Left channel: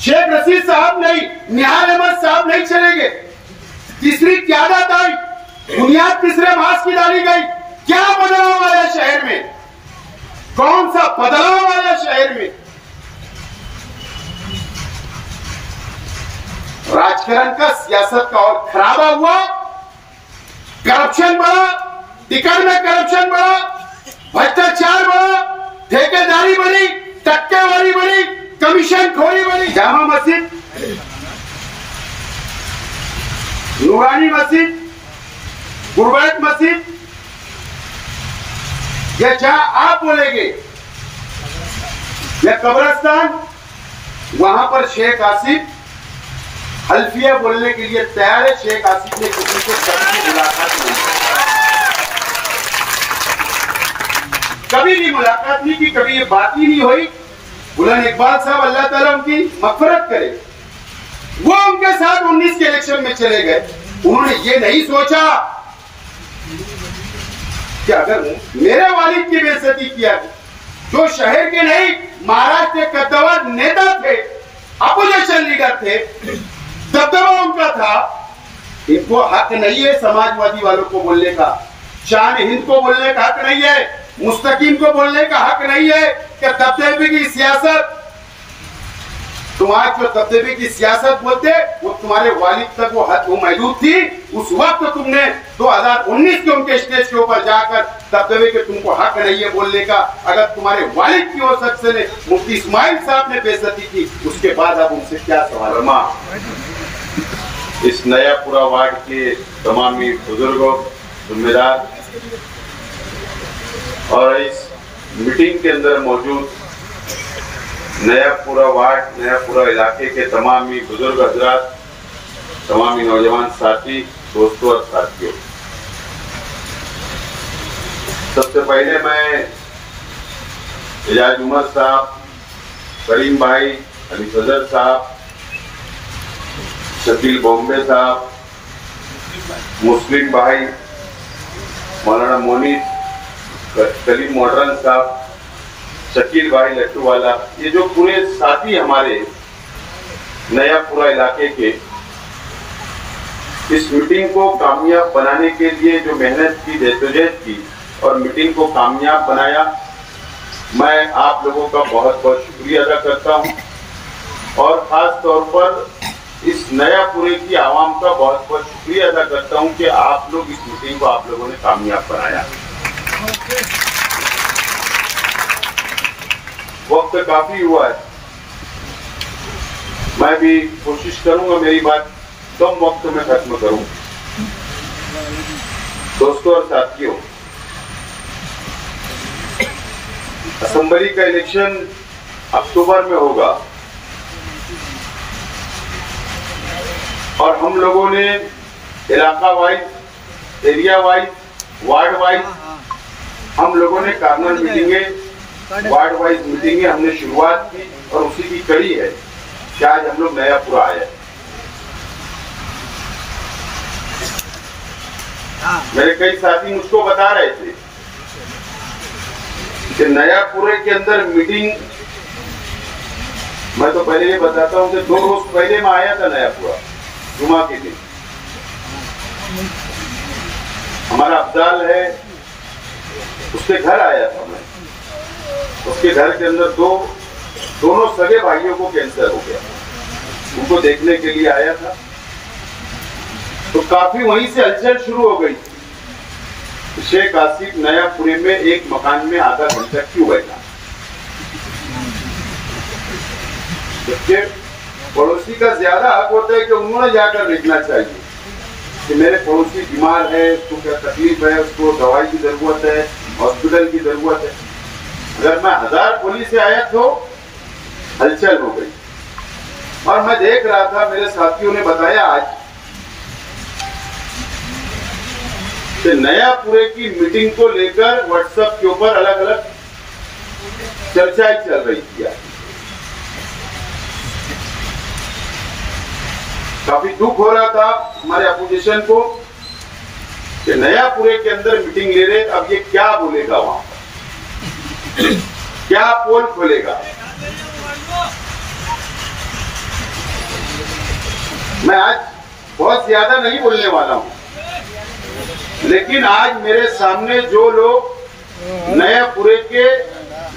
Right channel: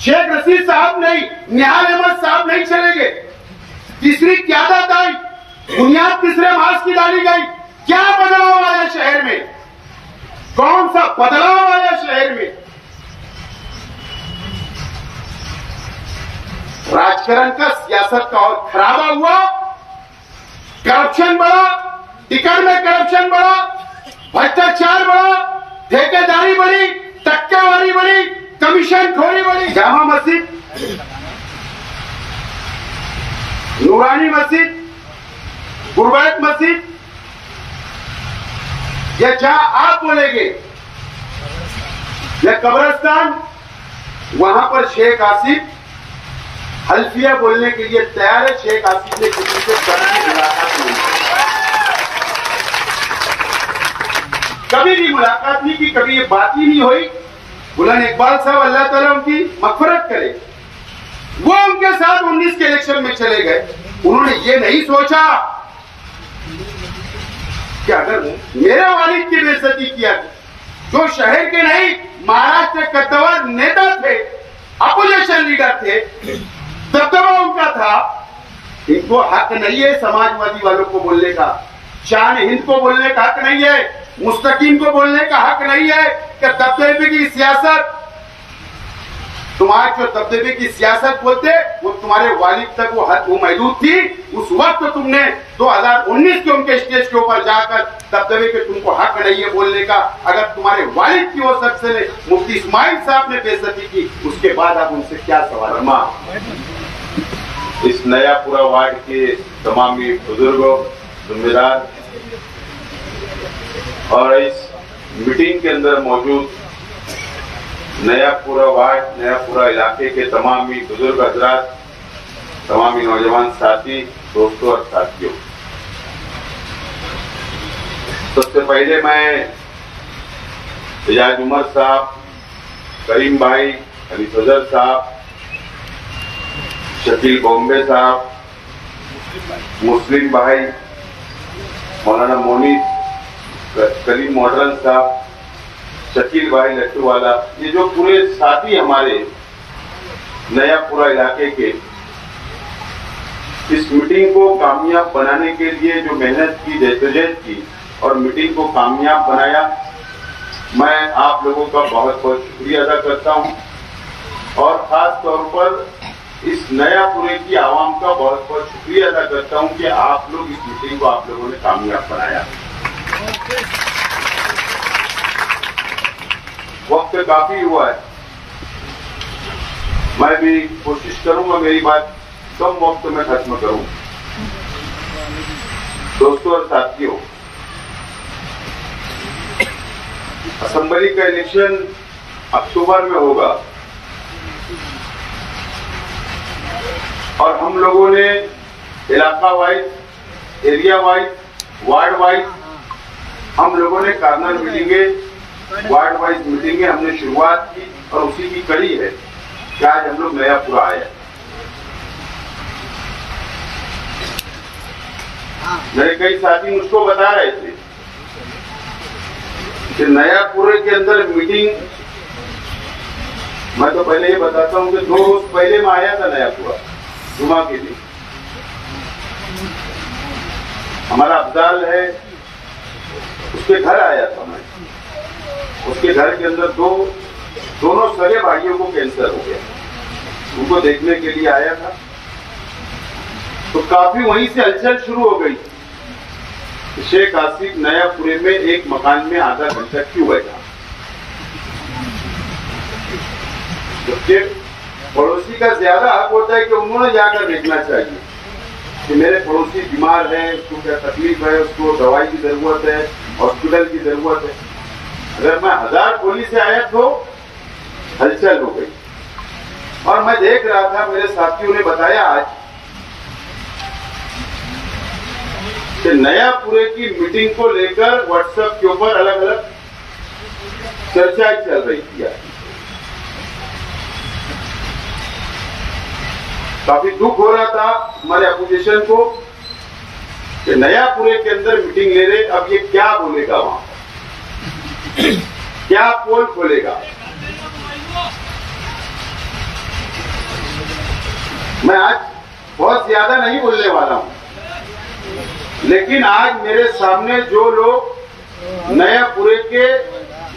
शेख रशीद साहब नहीं, निहाल अहमद साहब नहीं चलेंगे। तीसरी क्यादत आई, बुनियाद तीसरे मास की डाली गई। क्या बदलाव आया शहर में? कौन सा बदलाव आया शहर में? राजकारण का, सियासत का और खराबा हुआ, करप्शन बढ़ा, टिकट में करप्शन बढ़ा, भ्रष्टाचार बढ़ा, ठेकेदारी बढ़ी, टक्केवारी बढ़ी, कमीशन खोरी बढ़ी। जामा मस्जिद, नूरानी मस्जिद, गुरबैत मस्जिद, या जहां आप बोलेंगे, या कब्रिस्तान, वहां पर शेख आसिफ हल्फिया बोलने के लिए तैयार है। शेख आसिफ ने किसी से कभी मुलाकात नहीं की, कभी भी मुलाकात नहीं की, कभी ये बात ही नहीं हुई। बुलंद इकबाल साहब, अल्लाह ताला उनकी मग़फ़िरत करे, वो उनके साथ 19 के इलेक्शन में चले गए। उन्होंने ये नहीं सोचा कि अगर मेरे वालिद की बेइज्जती किया, जो शहर के नहीं महाराष्ट्र के कद्दावर नेता थे, अपोजिशन लीडर थे, दबदबा उनका था, इनको हक नहीं है समाजवादी वालों को बोलने का, शान हिंद को बोलने का हक नहीं है, मुस्तकीम को बोलने का हक नहीं है कि दबदबे की सियासत, तुम्हारे जो दबदबे की सियासत बोलते वो तुम्हारे वालिद तक वो हद महदूद थी। उस वक्त तुमने 2019 के उनके स्टेज के ऊपर जाकर दबदबे के तुमको हक नहीं है बोलने का। अगर तुम्हारे वालिद की वो शख्स ने, मुफ्ती इस्माइल साहब ने बेइज्जती की, उसके बाद आप उनसे क्या सवाल? इस नयापुरा वार्ड के तमाम बुजुर्गों, जिम्मेदार और इस मीटिंग के अंदर मौजूद नयापुरा वार्ड, नयापुरा इलाके के तमाम बुजुर्ग हजरात, तमाम नौजवान साथी, दोस्तों और साथियों, सबसे पहले मैं एजाज उमर साहब, करीम भाई, अली फजल साहब, शकील बॉम्बे साहब, मुस्लिम भाई, मौलाना मोनीस, करीम मॉडर्न साहब, शकील भाई लट्टू वाला, ये जो पूरे साथी हमारे नयापुरा इलाके के इस मीटिंग को कामयाब बनाने के लिए जो मेहनत की, जद्दोजहद की और मीटिंग को कामयाब बनाया, मैं आप लोगों का बहुत बहुत शुक्रिया अदा करता हूं। और खास तौर पर इस नयापुरे की आवाम का बहुत बहुत शुक्रिया अदा करता हूं कि आप लोग इस मीटिंग को आप लोगों ने कामयाब बनाया। वक्त काफी हुआ है, मैं भी कोशिश करूंगा मेरी बात कम वक्त में खत्म करूं। दोस्तों और साथियों, असेंबली का इलेक्शन अक्टूबर में होगा और हम लोगों ने इलाका wise, area wise, ward wise हम लोगों ने कार्नर मीटिंगें, वार्ड वाइज मीटिंगें हमने शुरुआत की और उसी की कड़ी है कि आज हम लोग नयापुरा आए। मेरे कई साथी मुझको बता रहे थे कि नयापुरे के अंदर मीटिंग, मैं तो पहले ये बताता हूं कि 2 रोज पहले मैं आया था नयापुरा, जुमा के दिन। हमारा अफजाल है, उसके घर आया था मैं। उसके घर के अंदर दोनों सगे भाइयों को कैंसर हो गया, उनको देखने के लिए आया था। तो काफी वहीं से हलचल शुरू हो गई। शेख आसिफ नयापुरे में एक मकान में आधा घंटा क्यों बैठा? जबकि पड़ोसी का ज्यादा हक होता है कि उन्होंने जाकर देखना चाहिए कि मेरे पड़ोसी बीमार है, उसको क्या तकलीफ है, उसको दवाई की जरूरत है, हॉस्पिटल की जरूरत है। अगर मैं 1000 पुलिस से आया तो हलचल हो गई। और मैं देख रहा था, मेरे साथियों ने बताया आज कि नयापुरे की मीटिंग को लेकर व्हाट्सएप के ऊपर अलग अलग चर्चाएं चल रही थी। काफी दुख हो रहा था हमारे अपोजिशन को कि नयापुरे के अंदर मीटिंग ले रहे, अब ये क्या बोलेगा वहां, क्या पोल खोलेगा। मैं आज बहुत ज्यादा नहीं बोलने वाला हूं, लेकिन आज मेरे सामने जो लोग नयापुरे के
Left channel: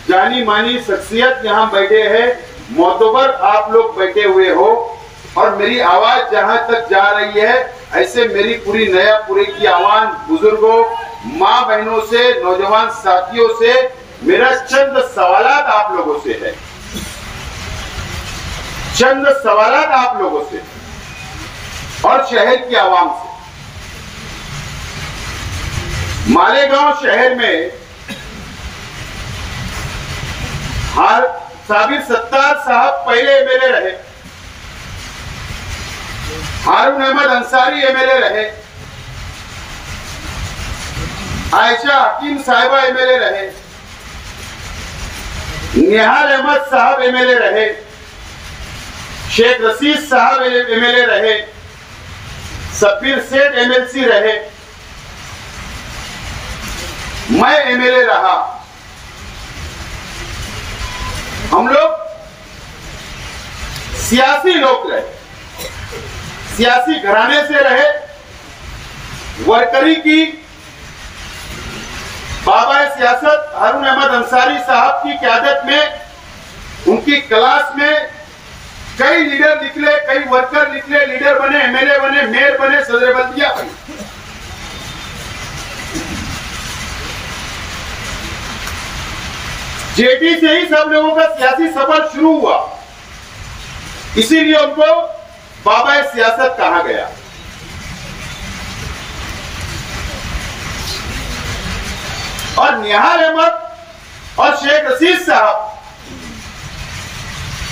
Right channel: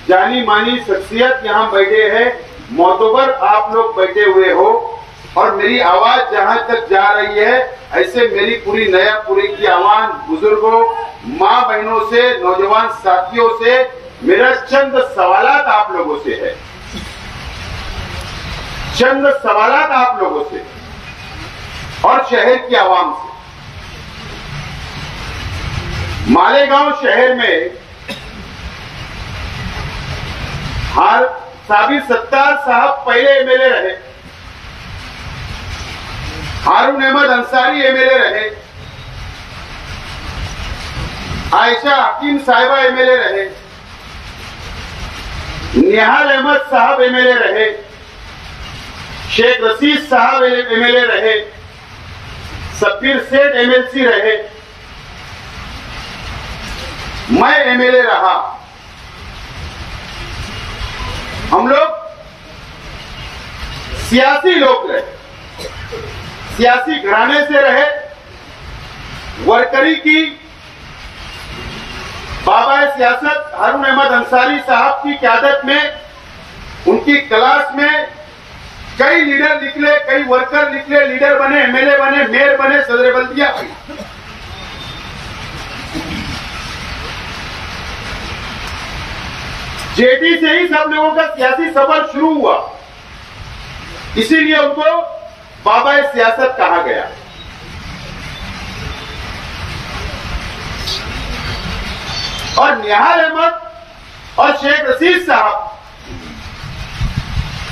जानी मानी शख्सियत यहाँ बैठे हैं, मोतबर आप लोग बैठे हुए हो, और मेरी आवाज जहां तक जा रही है, ऐसे मेरी पूरी नयापुरे की आवाज बुजुर्गों, माँ बहनों से, नौजवान साथियों से मेरा चंद सवालात आप लोगों से है, चंद सवालात आप लोगों से और शहर की आवाम से। मालेगांव शहर में साबिर सत्तार साहब पहले एमएलए रहे, हारून अहमद अंसारी एमएलए रहे, आयशा हकीम साहिबा एमएलए रहे, निहाल अहमद साहब एमएलए रहे, शेख रशीद साहब एमएलए रहे, सफीर सेठ एमएलसी रहे, मैं एमएलए रहा। हम लोग सियासी लोग रहे, सियासी घराने से रहे, वर्करी की बाबा सियासत हारून अहमद अंसारी साहब की क़यादत में, उनकी क्लास में कई लीडर निकले, कई वर्कर निकले, लीडर बने, एमएलए बने, मेयर बने, सदर बल्दिया बने। जेटी से ही सब लोगों का सियासी सफर शुरू हुआ, इसीलिए उनको बाबा सियासत कहा गया। और निहाल अहमद और शेख रशीद साहब,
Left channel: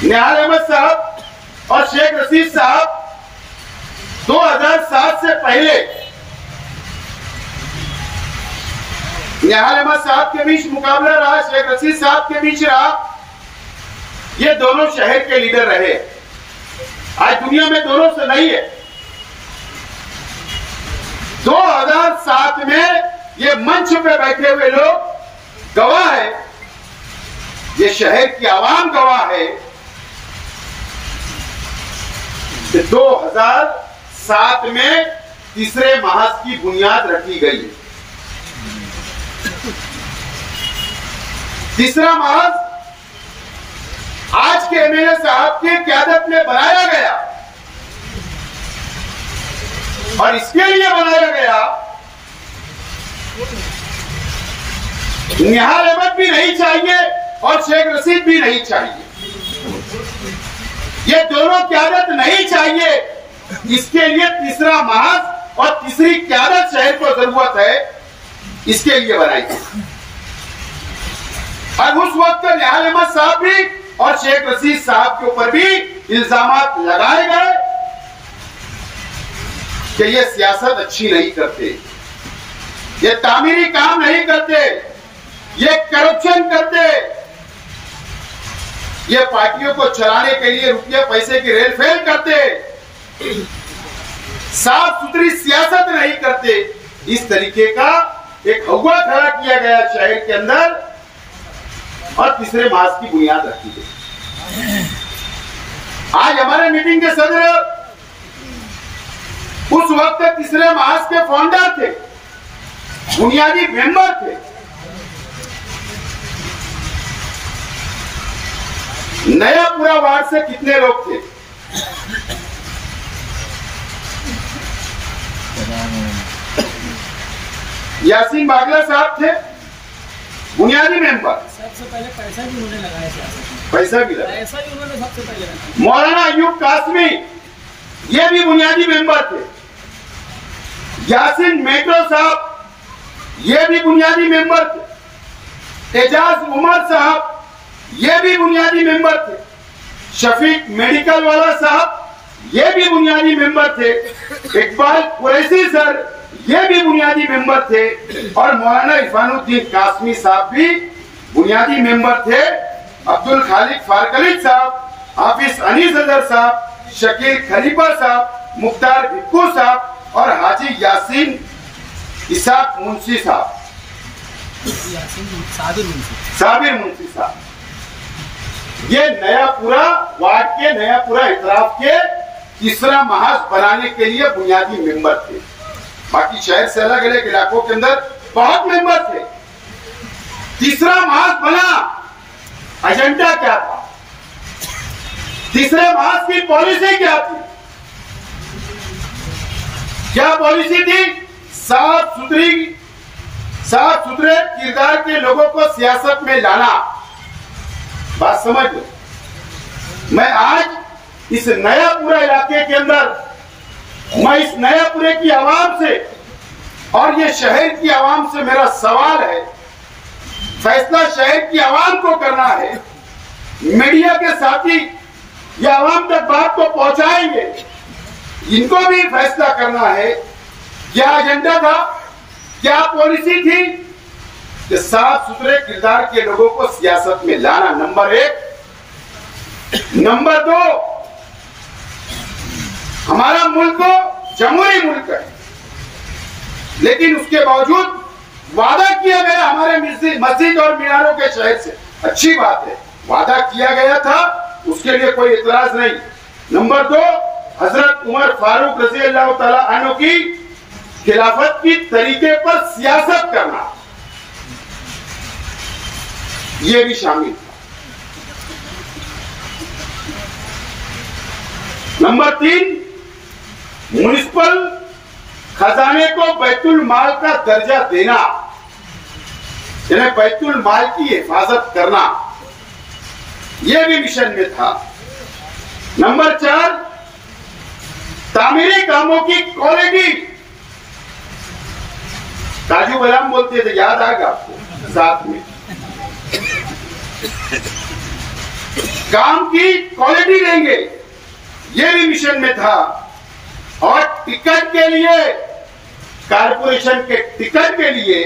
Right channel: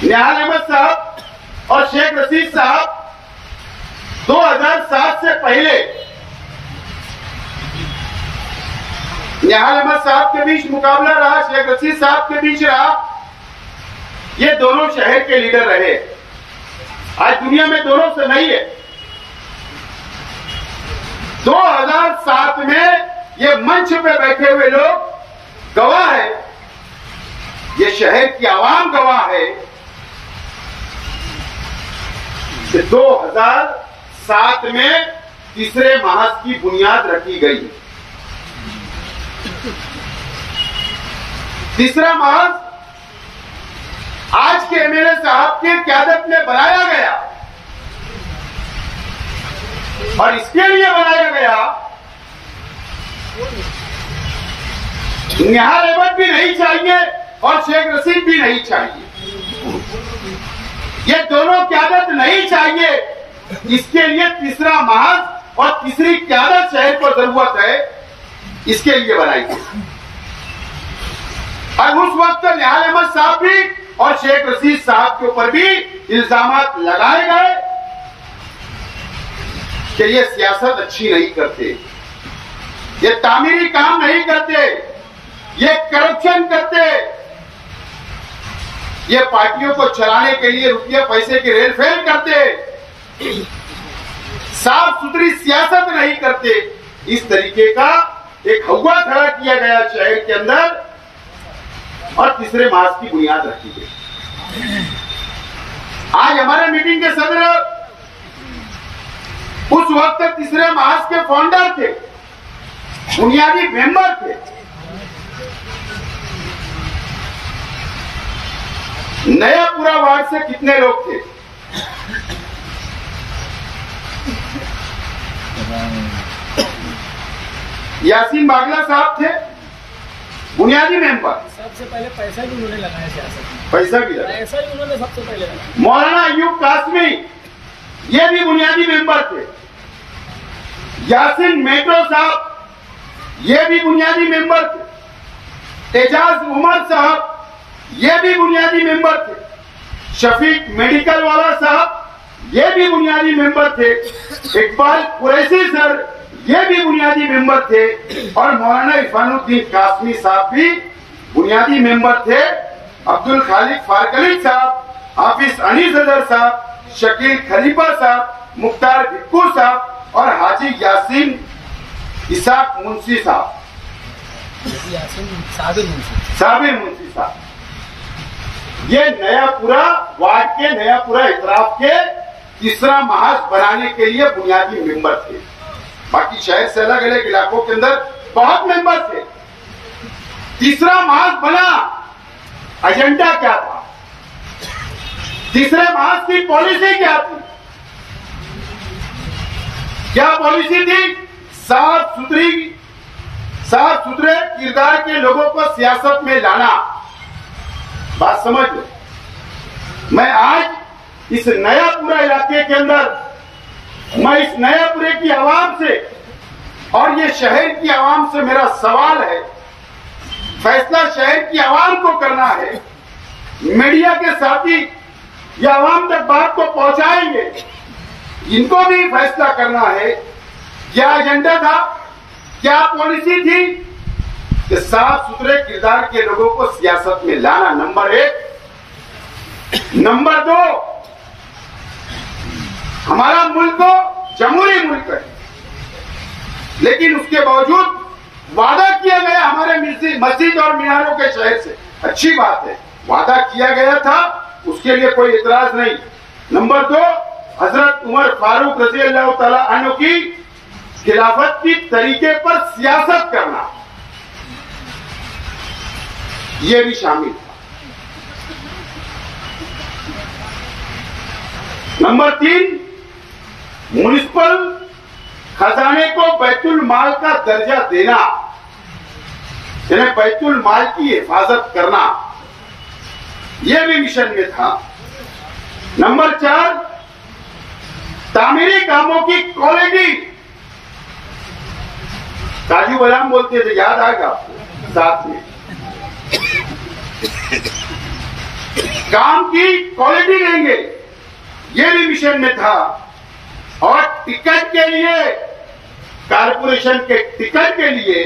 निहाल अहमद साहब और शेख रशीद साहब 2007 से पहले निहाल अहमद साहब के बीच मुकाबला रहा, शेख रशीद साहब के बीच रहा। ये दोनों शहर के लीडर रहे, आज दुनिया में दोनों से नहीं है। 2007 में ये मंच पे बैठे हुए लोग गवाह है, ये शहर की आवाम गवाह है कि 2007 में तीसरे महाज की बुनियाद रखी गई। तीसरा महाज आज के एमएलए साहब के क़यादत में बनाया गया, और इसके लिए बनाया गया निहाल अहमद भी नहीं चाहिए और शेख रशीद भी नहीं चाहिए, ये दोनों क़यादत नहीं चाहिए। इसके लिए तीसरा महाज और तीसरी क़यादत शहर को जरूरत है, इसके लिए बनाई गई। और उस वक्त निहाल अहमद साहब भी और शेख रशीद साहब के ऊपर भी इल्जामात लगाए गए कि ये सियासत अच्छी नहीं करते, ये तामीरी काम नहीं करते, ये करप्शन करते, ये पार्टियों को चलाने के लिए रुपये पैसे की रेलफेल करते, साफ सुथरी सियासत नहीं करते। इस तरीके का एक हवा खड़ा किया गया शहर के अंदर और तीसरे महाज की बुनियाद रखी गई। आज हमारे मीटिंग के सदर उस वक्त तीसरे महाज के फाउंडर थे, बुनियादी मेंबर थे। नयापुरा वार्ड से कितने लोग थे? यासीन बागला साहब थे, बुनियादी मेंबर। सबसे पहले पैसा भी उन्होंने लगाया सियासत में, पैसा भी लगाया, पैसा भी उन्होंने सबसे पहले लगाया। मौलाना अयूब कासमी ये भी बुनियादी मेंबर थे। यासीन मेट्रो साहब ये भी बुनियादी मेंबर थे। एजाज उमर साहब ये भी बुनियादी मेंबर थे। शफीक मेडिकल वाला साहब ये भी बुनियादी मेंबर थे। इकबाल कुरैशी सर ये भी बुनियादी मेंबर थे। और मौलाना इरफानुद्दीन कासमी साहब भी बुनियादी मेंबर थे। अब्दुल खालिक फारकलिक साहब, हाफिज अनीस अजहर साहब, शकील खलीफा साहब, मुख्तार भिक्कू साहब और हाजी यासीन इसाक मुंशी साहब, साबिर मुंशी साहब, ये नयापुरा वार्ड के, नयापुरा इतराफ के तीसरा महाज बनाने के लिए बुनियादी मेंबर थे। बाकी शहर से अलग अलग इलाकों के अंदर बहुत मेंबर थे। तीसरा महाज बना, एजेंडा क्या था? तीसरे महाज की पॉलिसी क्या थी? क्या पॉलिसी थी? साफ सुथरे किरदार के लोगों को सियासत में लाना। बात समझ लो। मैं आज इस नयापुरा इलाके के अंदर, मैं इस नयापुरे की आवाम से और ये शहर की आवाम से मेरा सवाल है, फैसला शहर की आवाम को करना है। मीडिया के साथी ये आवाम तक बात को पहुंचाएंगे, इनको भी फैसला करना है क्या एजेंडा था, क्या पॉलिसी थी कि साफ सुथरे किरदार के लोगों को सियासत में लाना, नंबर 1। नंबर 2, हमारा मुल्क जमहूरी मुल्क है, लेकिन उसके बावजूद वादा किया गया हमारे मस्जिद और मीनारों के शहर से, अच्छी बात है, वादा किया गया था, उसके लिए कोई इतराज नहीं। नंबर 2, हजरत उमर फारूक रज़ी अल्लाह ताला अन्हु की खिलाफत की तरीके पर सियासत करना, यह भी शामिल था। नंबर 3, म्युनिसिपल खजाने को बैतुल माल का दर्जा देना, यानी बैतुल माल की हिफाजत करना, यह भी मिशन में था। नंबर 4, तामीरी कामों की क्वालिटी, काजू बादाम बोलते थे, याद आएगा आपको, साथ में काम की क्वालिटी देंगे, यह भी मिशन में था। और टिकट के लिए, कारपोरेशन के टिकट के लिए,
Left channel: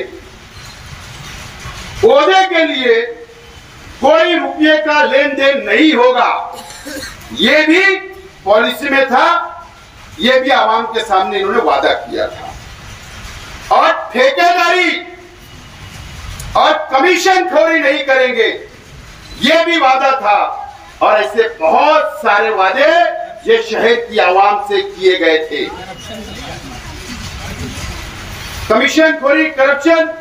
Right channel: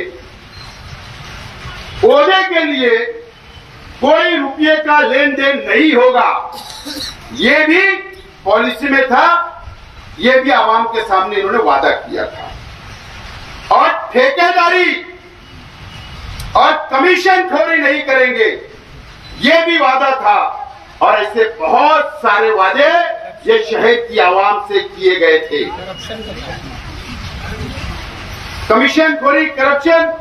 ओहदे के लिए कोई रुपये का लेन देन नहीं होगा, यह भी पॉलिसी में था, यह भी आवाम के सामने इन्होंने वादा किया था। और ठेकेदारी और कमीशन खोरी नहीं करेंगे, यह भी वादा था। और ऐसे बहुत सारे वादे ये शहर की आवाम से किए गए थे। कमीशन खोरी, करप्शन,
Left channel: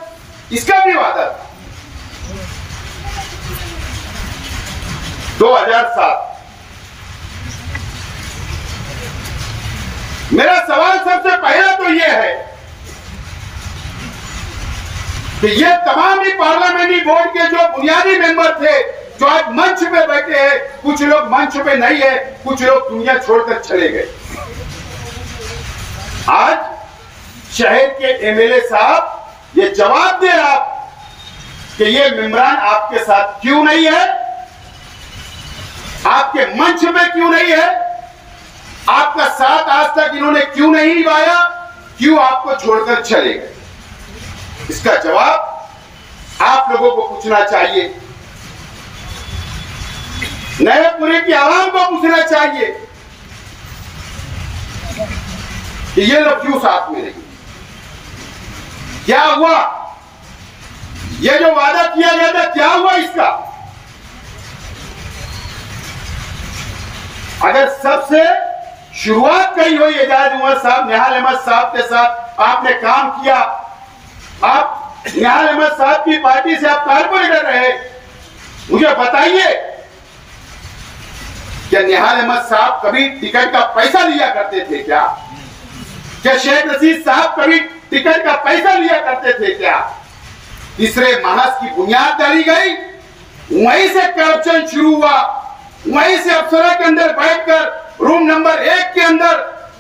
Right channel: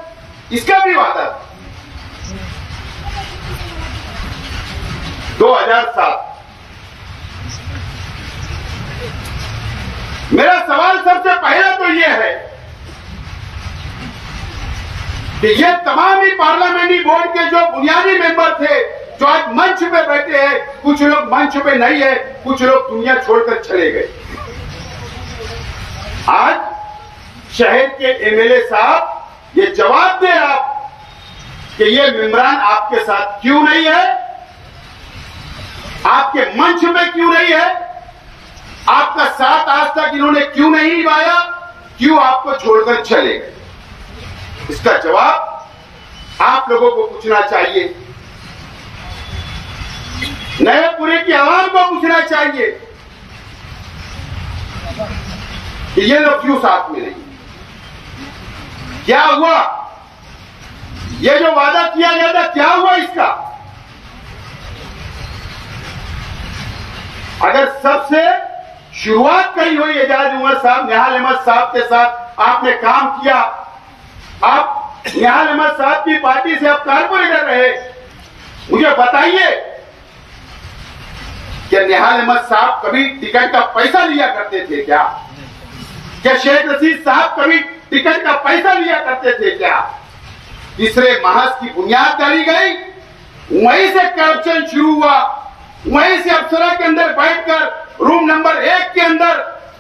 इसका भी वादा था। 2007, मेरा सवाल सबसे पहला तो यह है कि ये तमाम ही पार्लियामेंट्री बोर्ड के जो बुनियादी मेंबर थे, जो आज मंच पे बैठे हैं, कुछ लोग मंच पे नहीं है, कुछ लोग दुनिया छोड़कर चले गए। आज शहर के एमएलए साहब ये जवाब दे आप कि ये मेंबरान आपके साथ क्यों नहीं है, आपके मंच पे क्यों नहीं है, आपका साथ आज तक इन्होंने क्यों नहीं निभाया, क्यों आपको छोड़कर चले गए। इसका जवाब आप लोगों को पूछना चाहिए, नयापुरे की आवाम को पूछना चाहिए कि ये लोग क्यों साथ में नहीं, क्या हुआ, ये जो वादा किया गया था क्या हुआ इसका। अगर सबसे शुरुआत करी हुई एजाज उमर साहब, निहाल अहमद साहब के साथ आपने काम किया, आप निहाल अहमद साहब की पार्टी से आप कारपोरेटर रहे, मुझे बताइए क्या निहाल अहमद साहब कभी टिकट का पैसा लिया करते थे क्या? क्या शेख रशीद साहब कभी टिकट का पैसा लिया करते थे क्या? तीसरे महाज की बुनियाद डाली गई, वहीं से करप्शन शुरू हुआ, वहीं से अफसरों के अंदर बैठकर रूम नंबर 1 के अंदर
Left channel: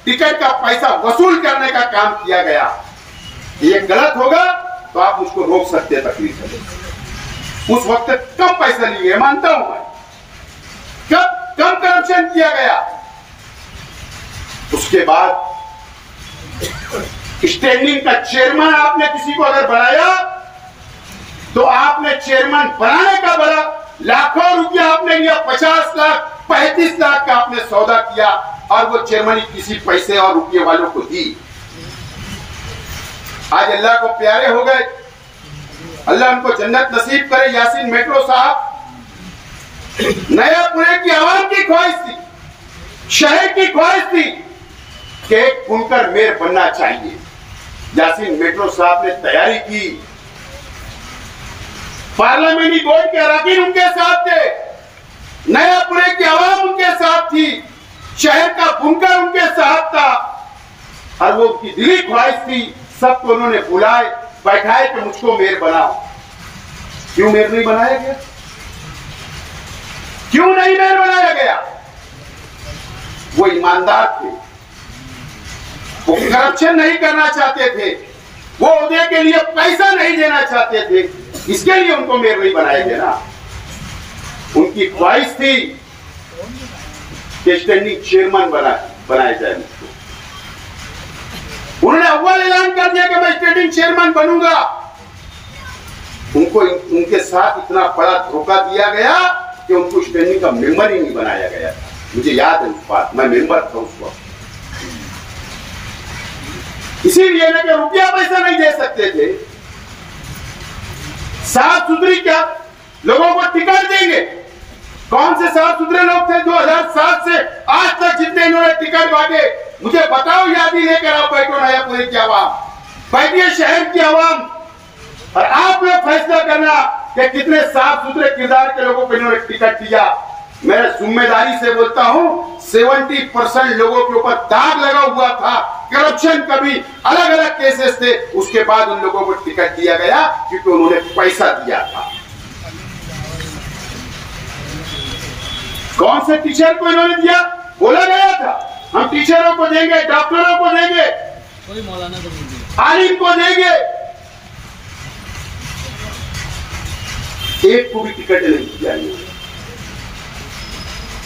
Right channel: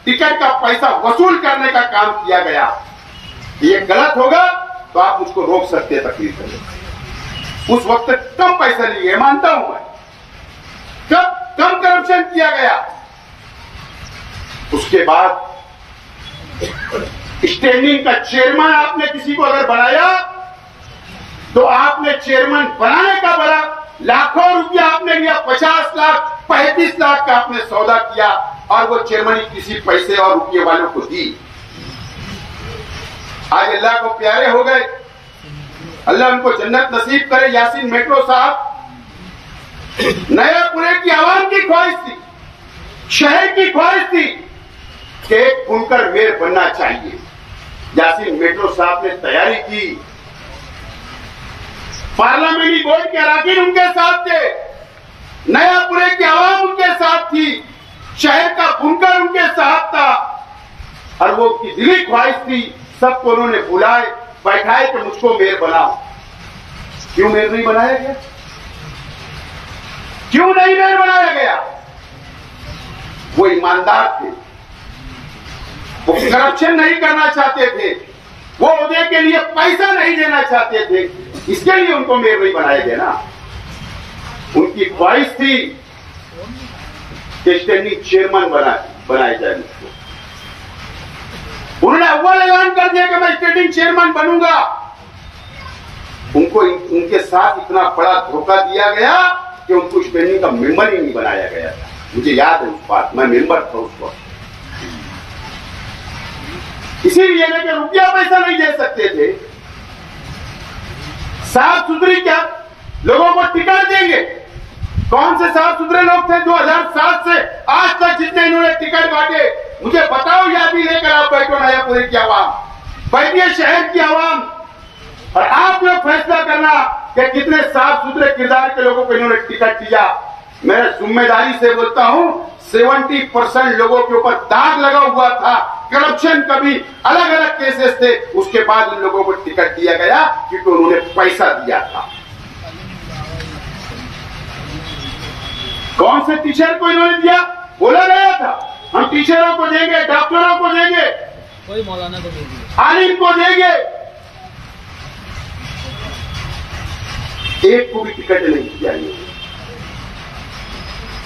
टिकट का पैसा वसूल करने का काम किया गया। ये गलत होगा तो आप मुझको रोक सकते हैं, तकलीफ है। उस वक्त कम पैसा लिए, मानता हूं मैं, कम करप्शन किया गया। उसके बाद स्टैंडिंग का चेयरमैन आपने किसी को अगर बनाया तो आपने चेयरमैन बनाने का बड़ा लाखों रुपया आपने लिया, 50 लाख 35 लाख का आपने सौदा किया और वो चेयरमैन किसी पैसे और रुपये वालों को दी। आज अल्लाह को प्यारे हो गए, अल्लाह उनको जन्नत नसीब करे। यासीन मेट्रो साहब नयापुरे की आवाम की ख्वाहिश थी, शहर की ख्वाहिश थी कि एक बुनकर मेयर बनना चाहिए। यासीन मेट्रो साहब ने तैयारी की, पार्लियामेंट्री बोर्ड के अराकीन उनके साथ थे, नयापुरे की आवाम उनके साथ थी, शहर का बुनकर उनके साथ था, और वो उनकी दिली ख्वाहिश थी। सबको उन्होंने बुलाए, बैठाए कि मुझको मेयर बनाओ। क्यों मेयर नहीं बनाया गया? क्यों नहीं मेयर बनाया गया? वो ईमानदार थे, वो करप्शन नहीं करना चाहते थे, वो उदय के लिए पैसा नहीं देना चाहते थे, इसके लिए उनको मेयर नहीं बनाया गया ना। उनकी ख्वाहिश थी कि स्टैंडिंग चेयरमैन बनाया जाए मुझको। उन्होंने अव्वल ऐलान कर दिया कि मैं स्टैंडिंग चेयरमैन बनूंगा। उनको उनके साथ इतना बड़ा धोखा दिया गया कि उनको स्टैंडिंग का मेंबर ही नहीं बनाया गया था। मुझे याद है उस बात, मैं मेंबर था उस वक्त। इसीलिए ना कि रुपया पैसा नहीं दे सकते थे। साफ सुथरी क्या लोगों को टिकट देंगे? कौन से साफ सुथरे लोग थे 2007 से आज तक जितने इन्होंने टिकट बांटे? मुझे बताओ, यादी लेकर आप बैठो नयापुरे की आवाम, बैठिए शहर की आवाम, और आप लोग फैसला करना कि कितने साफ सुथरे किरदार के लोगों को इन्होंने टिकट दिया। मैं जिम्मेदारी से बोलता हूं, 70% लोगों के ऊपर दाग लगा हुआ था। करप्शन का भी अलग अलग केसेस थे, उसके बाद उन लोगों को टिकट दिया गया क्योंकि उन्होंने पैसा दिया था। कौन से टीचर को इन्होंने दिया? बोला गया था हम टीचरों को देंगे, डॉक्टरों को देंगे, कोई मौलाना को नहीं दिया, आलिम को देंगे, एक को भी टिकट नहीं दिया।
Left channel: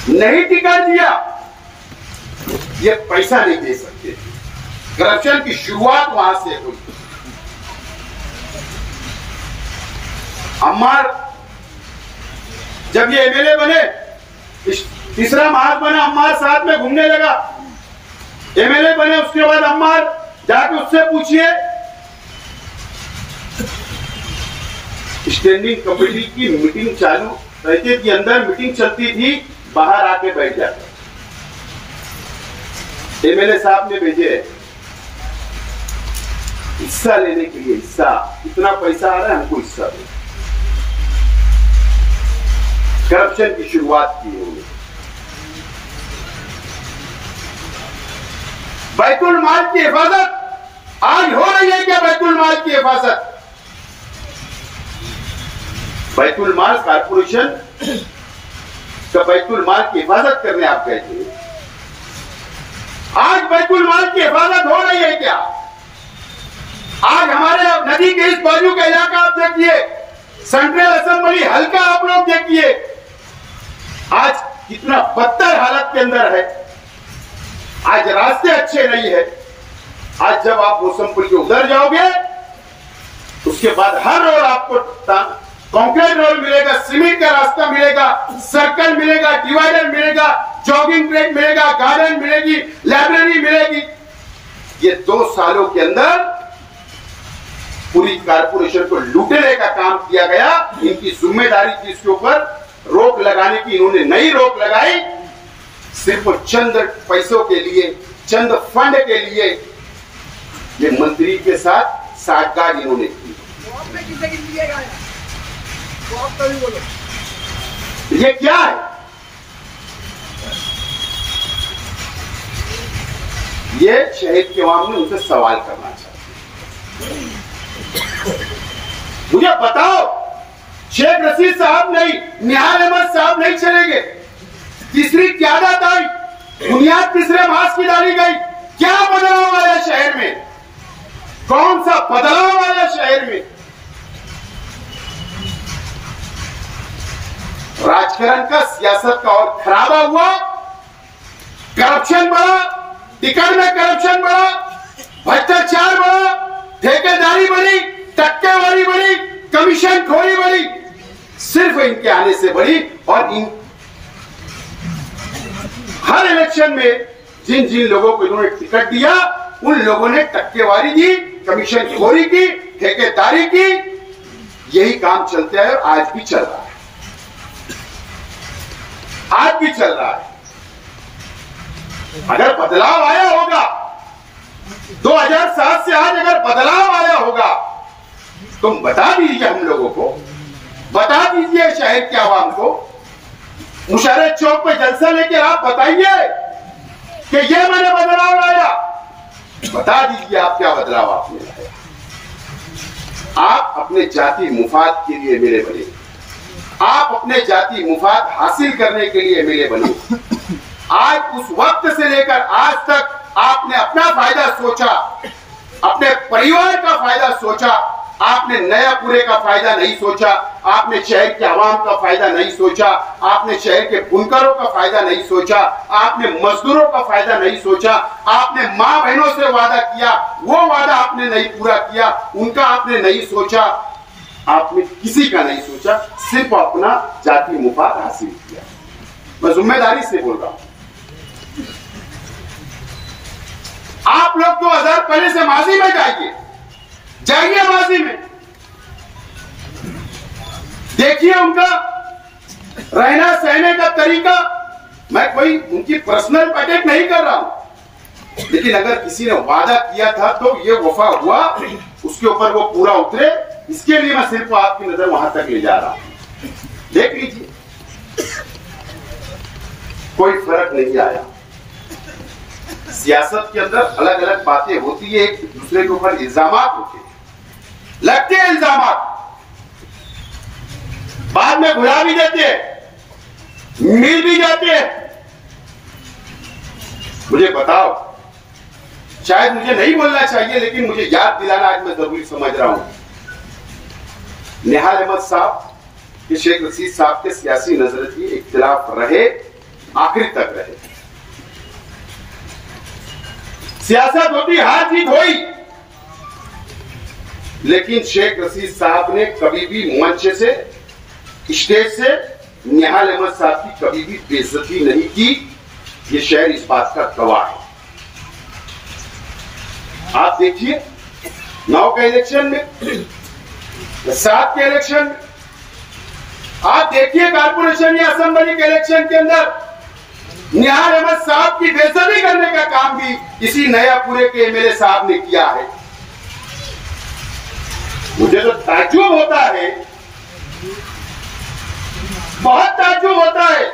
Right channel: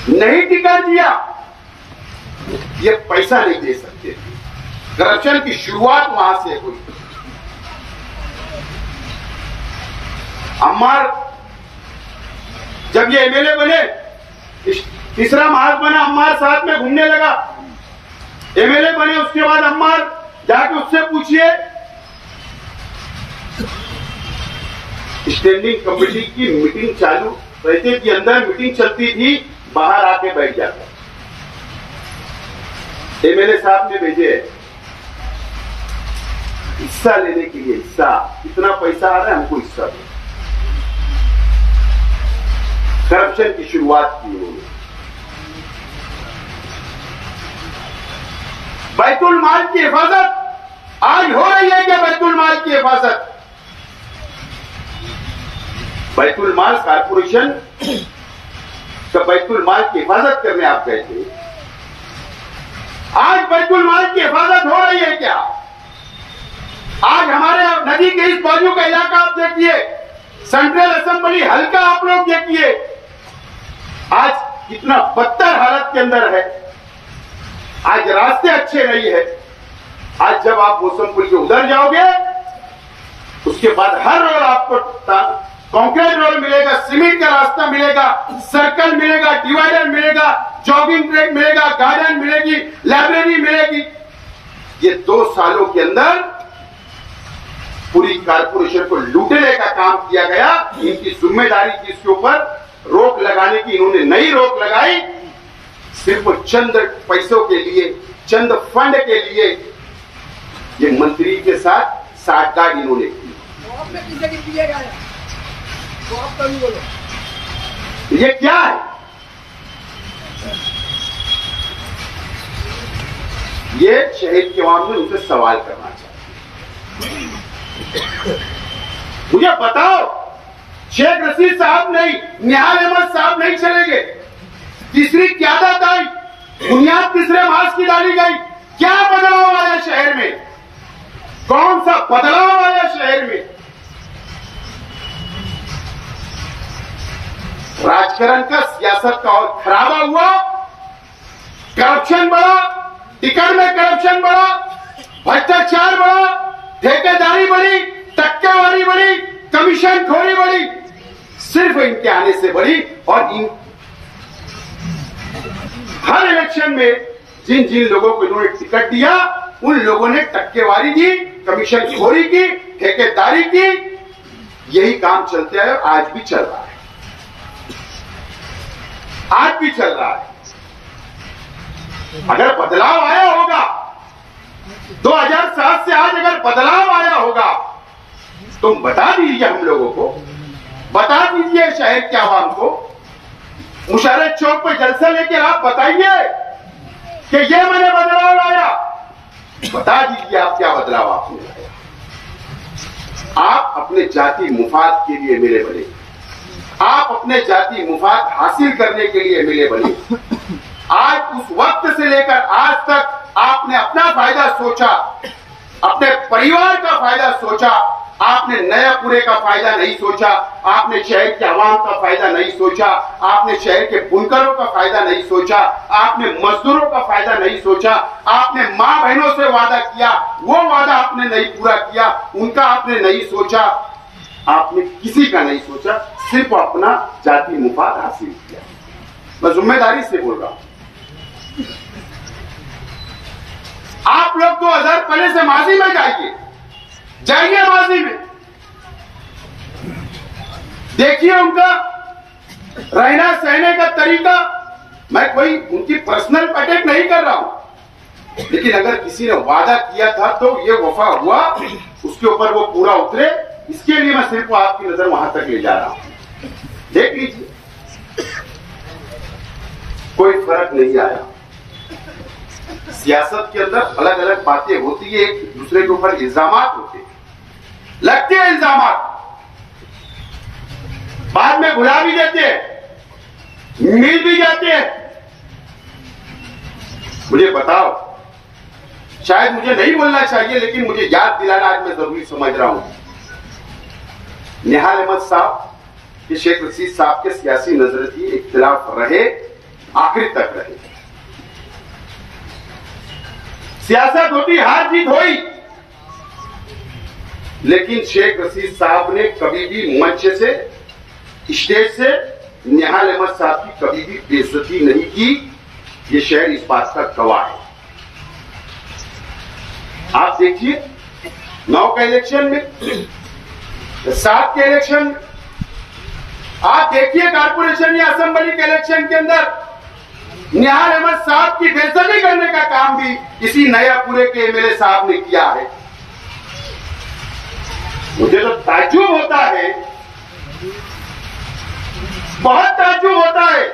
नहीं टिकट दिया, ये पैसा नहीं दे सकते। करप्शन की शुरुआत वहां से हुई। अम्मार जब ये एमएलए बने, तीसरा महाज बना, अम्मार साथ में घूमने लगा। एमएलए बने, उसके बाद अम्मार जाके उससे पूछिए, स्टैंडिंग कमेटी की मीटिंग चालू रहते कि अंदर मीटिंग चलती थी, बाहर आके बैठ जाते। एमएलए साहब ने भेजे हिस्सा लेने के लिए, हिस्सा इतना पैसा आ रहा है, हमको हिस्सा दो। करप्शन की शुरुआत की उन्होंने। बैतुल माल की हिफाजत आज हो रही है क्या? बैतुल माल की हिफाजत, बैतुल माल कारपोरेशन का बैतुल माल की हिफाजत करने आप गए थे। आज बैतुल माल की हिफाजत हो रही है क्या? आज हमारे नदी के इस बाजू का इलाका आप देखिए, सेंट्रल असेंबली हल्का आप लोग देखिए, आज कितना बदतर हालत के अंदर है। आज रास्ते अच्छे नहीं है। आज जब आप मौसम पुल के उधर जाओगे, उसके बाद हर रोड आपको कंक्रीट रोड मिलेगा, सीमेंट का रास्ता मिलेगा, सर्कल मिलेगा, डिवाइडर मिलेगा, जॉगिंग ट्रैक मिलेगा, गार्डन मिलेगी, लाइब्रेरी मिलेगी। ये 2 सालों के अंदर पूरी कारपोरेशन को लूटने का काम किया गया। इनकी जिम्मेदारी थी इसके ऊपर रोक लगाने की, इन्होंने नई रोक लगाई। सिर्फ चंद पैसों के लिए, चंद फंड के लिए ये मंत्री के साथ साठगांठ इन्होंने की। ये क्या है? ये शहर के आवाम ने उनसे सवाल करना चाहते। मुझे बताओ, शेख रशीद साहब नहीं, निहाल अहमद साहब नहीं चलेंगे, तीसरी क्यादत आई, बुनियाद तीसरे मास की डाली गई। क्या बदलाव आया शहर में? कौन सा बदलाव आया शहर में? राजकारण का, सियासत का और खराबा हुआ, करप्शन बढ़ा, टिकट में करप्शन बढ़ा, भ्रष्टाचार बढ़ा, ठेकेदारी बढ़ी, टक्केवारी बढ़ी, कमीशन खोरी बढ़ी, सिर्फ इनके आने से बढ़ी। और इन हर इलेक्शन में जिन जिन लोगों को इन्होंने टिकट दिया, उन लोगों ने टक्केवारी की, कमीशन खोरी की, ठेकेदारी की। यही काम चलता है और आज भी चल रहा है, आज भी चल रहा है। अगर बदलाव आया होगा 2007 से आज, अगर बदलाव आया होगा तो बता दीजिए हम लोगों को, बता दीजिए शहर के आवाम को। मुशर्रफ चौक पे जलसा लेकर आप बताइए कि ये मैंने बदलाव लाया। बता दीजिए आप क्या बदलाव आपने लाया। आप अपने जाति मुफाद के लिए मिले बने, आप अपने जाति मुफाद हासिल करने के लिए मिले बने। आज उस वक्त से लेकर आज तक आपने अपना फायदा सोचा, अपने परिवार का फायदा सोचा, आपने नयापुरे का फायदा नहीं सोचा, आपने शहर के आवाम का फायदा नहीं सोचा, आपने शहर के बुनकरों का फायदा नहीं सोचा, आपने मजदूरों का फायदा नहीं सोचा, आपने मां बहनों से वादा किया, वो वादा आपने नहीं पूरा किया, उनका आपने नहीं सोचा, आपने किसी का नहीं सोचा, सिर्फ अपना जाति मुफाद हासिल किया। मैं जिम्मेदारी से बोल रहा हूं। आप लोग 2000 पहले से माजी में जाइए माजी में, देखिए उनका रहना सहने का तरीका। मैं कोई उनकी पर्सनल अटैक नहीं कर रहा हूं, लेकिन अगर किसी ने वादा किया था तो ये वफा हुआ, उसके ऊपर वो पूरा उतरे, इसके लिए मैं सिर्फ आपकी नजर वहां तक ले जा रहा हूं। देख लीजिए, कोई फर्क नहीं आया। सियासत के अंदर अलग अलग बातें होती है, एक दूसरे के ऊपर इल्जामात होते हैं, लगते हैं इल्जामात, बाद में भुला भी देते हैं, मिल भी जाते हैं। मुझे बताओ, शायद मुझे नहीं बोलना चाहिए, लेकिन मुझे याद दिलाना आज मैं जरूरी समझ रहा हूं। निहाल अहमद साहब कि शेख रशीद साहब के सियासी नजरिए इख्तिलाफ रहे, आखिर तक रहे। सियासत होती, हार जीत हुई, लेकिन शेख रशीद साहब ने कभी भी मंच से, स्टेज से निहाल अहमद साहब की कभी भी बेइज्जती नहीं की। ये शहर इस बात का गवाह है। आप देखिए 9 के इलेक्शन में, 7 के इलेक्शन में, आप देखिए कारपोरेशन या असेंबली के इलेक्शन के अंदर निहाल अहमद साहब की बेइज्जती करने का काम भी इसी नयापुरे के एमएलए साहब ने किया है। मुझे तो ताज्जुब होता है, बहुत ताज्जुब होता है।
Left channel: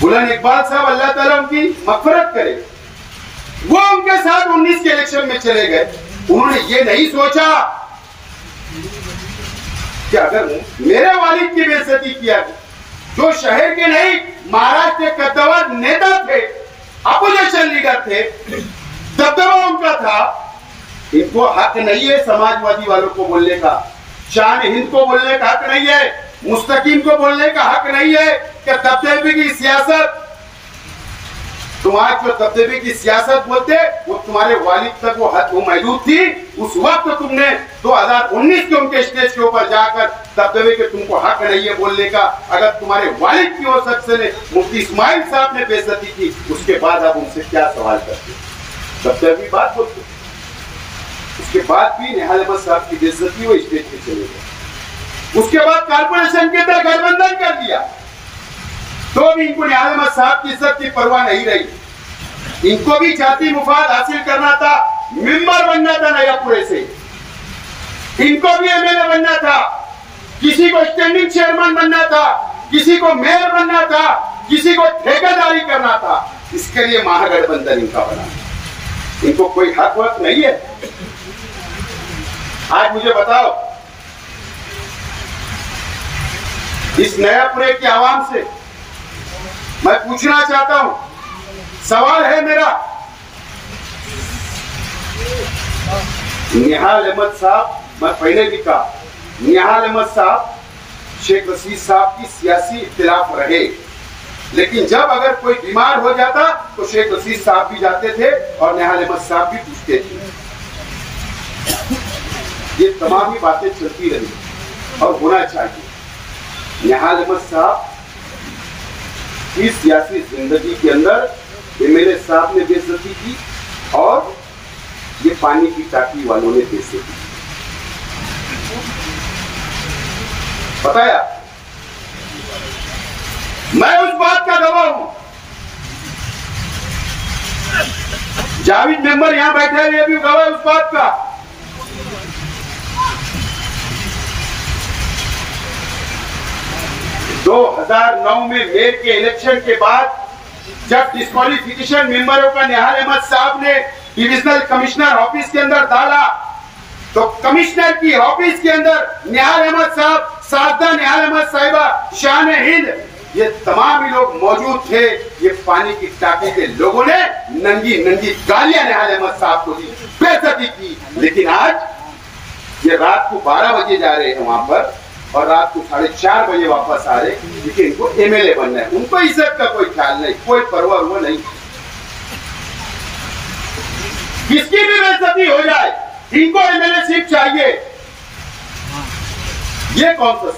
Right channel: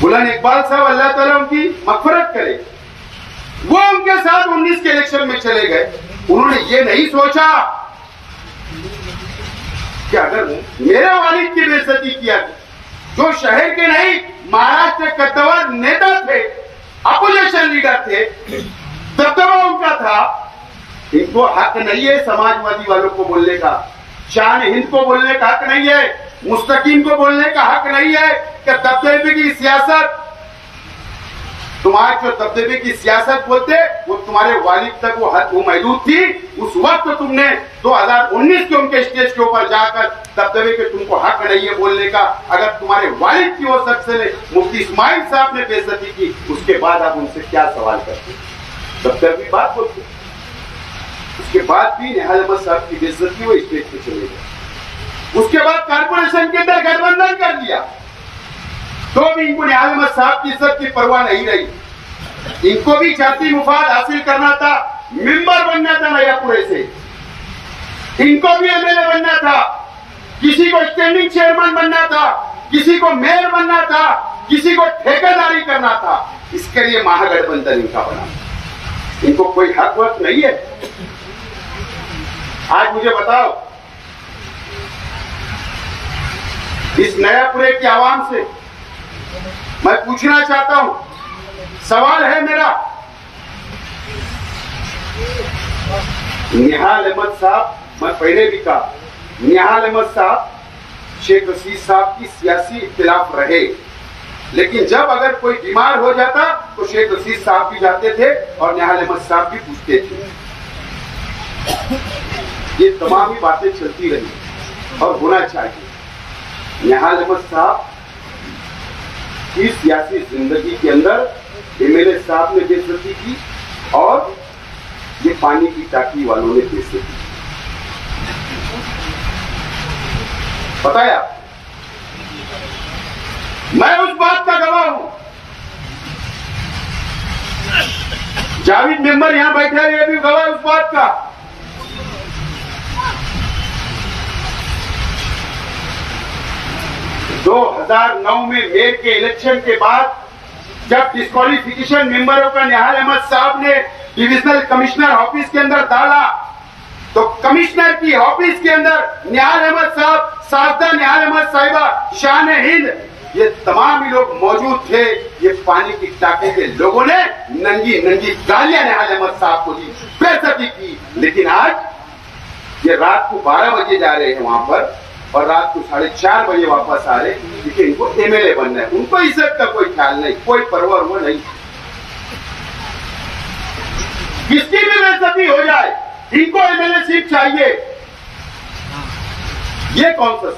बुलंद इकबाल साहब, अल्लाह ताला उनकी मग़फ़िरत करे, वो उनके साथ 19 के इलेक्शन में चले गए। उन्होंने ये नहीं सोचा कि अगर मेरे वालिद की बेइज्जती किया, जो शहर के नहीं महाराष्ट्र के कद्दावर नेता थे, अपोजिशन लीडर थे, दबदबा उनका था, इनको हक नहीं है समाजवादी वालों को बोलने का, शान हिंद को बोलने का हक नहीं है, मुस्तकीम को बोलने का हक नहीं है कि दबदबे की सियासत, तुम्हारे जो दबदबे की सियासत बोलते वो तुम्हारे वालिद तक वो हद वो महदूद थी। उस वक्त तुमने 2019 के उनके स्टेज के ऊपर जाकर दबदबे के तुमको हक नहीं है बोलने का। अगर तुम्हारे वालिद की वो शख्स ने, मुफ्ती इस्माइल साहब ने बेइज्जती की, उसके बाद आप उनसे क्या सवाल करते? दबदबे की बात बोलते, उसके बाद भी निहाल अहमद साहब की बेइज्जती वो स्टेज पे चले गए। उसके बाद कारपोरेशन के अंदर गठबंधन कर दिया, तो भी इनको निहाल अहमद साहब की इज्जत की परवाह नहीं रही। इनको भी जाति मुफाद हासिल करना था, मेंबर बनना था नयापुरे से, इनको भी एमएलए बनना था, किसी को स्टैंडिंग चेयरमैन बनना था, किसी को मेयर बनना था, किसी को ठेकेदारी करना था। इसके लिए महागठबंधन इनका बना। इनको कोई हक वक्त नहीं है। आज मुझे बताओ, इस नयापुरे की आवाम से मैं पूछना चाहता हूं, सवाल है मेरा, निहाल अहमद साहब, मैं पहले भी कहा, निहाल अहमद साहब शेख रशीद साहब की सियासी इख्तिलाफ रहे, लेकिन जब अगर कोई बीमार हो जाता तो शेख रशीद साहब भी जाते थे और निहाल अहमद साहब भी पूछते थे। ये तमाम ही बातें चलती रही और होना चाहिए। निहाल अहमद साहब की सियासी जिंदगी के अंदर एमएलए साहब ने बेइज्जती की और ये पानी की टाकी वालों ने बेइज्जती की। बताया मैं उस बात का गवाह हूं। जावेद मेंबर यहां बैठे हैं, ये भी गवाह उस बात का। दो 2009 में मेयर के इलेक्शन के बाद जब डिस्क्वालिफिकेशन मेंबरों का निहाल अहमद साहब ने डिविजनल कमिश्नर ऑफिस के अंदर डाला, तो कमिश्नर की ऑफिस के अंदर निहाल अहमद साहब, साजदा निहाल अहमद साहिबा, शान हिंद, ये तमाम ही लोग मौजूद थे। ये पानी की टाकी के लोगों ने नंगी नंगी गालियां निहाल अहमद साहब को दी, बेइज्जती की। लेकिन आज ये रात को 12 बजे जा रहे हैं वहां पर और रात को 4:30 बजे वापस आ रहे, क्योंकि इनको एमएलए बनना है। उनको इज्जत का कोई ख्याल नहीं, कोई परवाह वो नहीं। किसकी भी बेइज्जती हो जाए, इनको एमएलए सीट चाहिए। ये कौन सा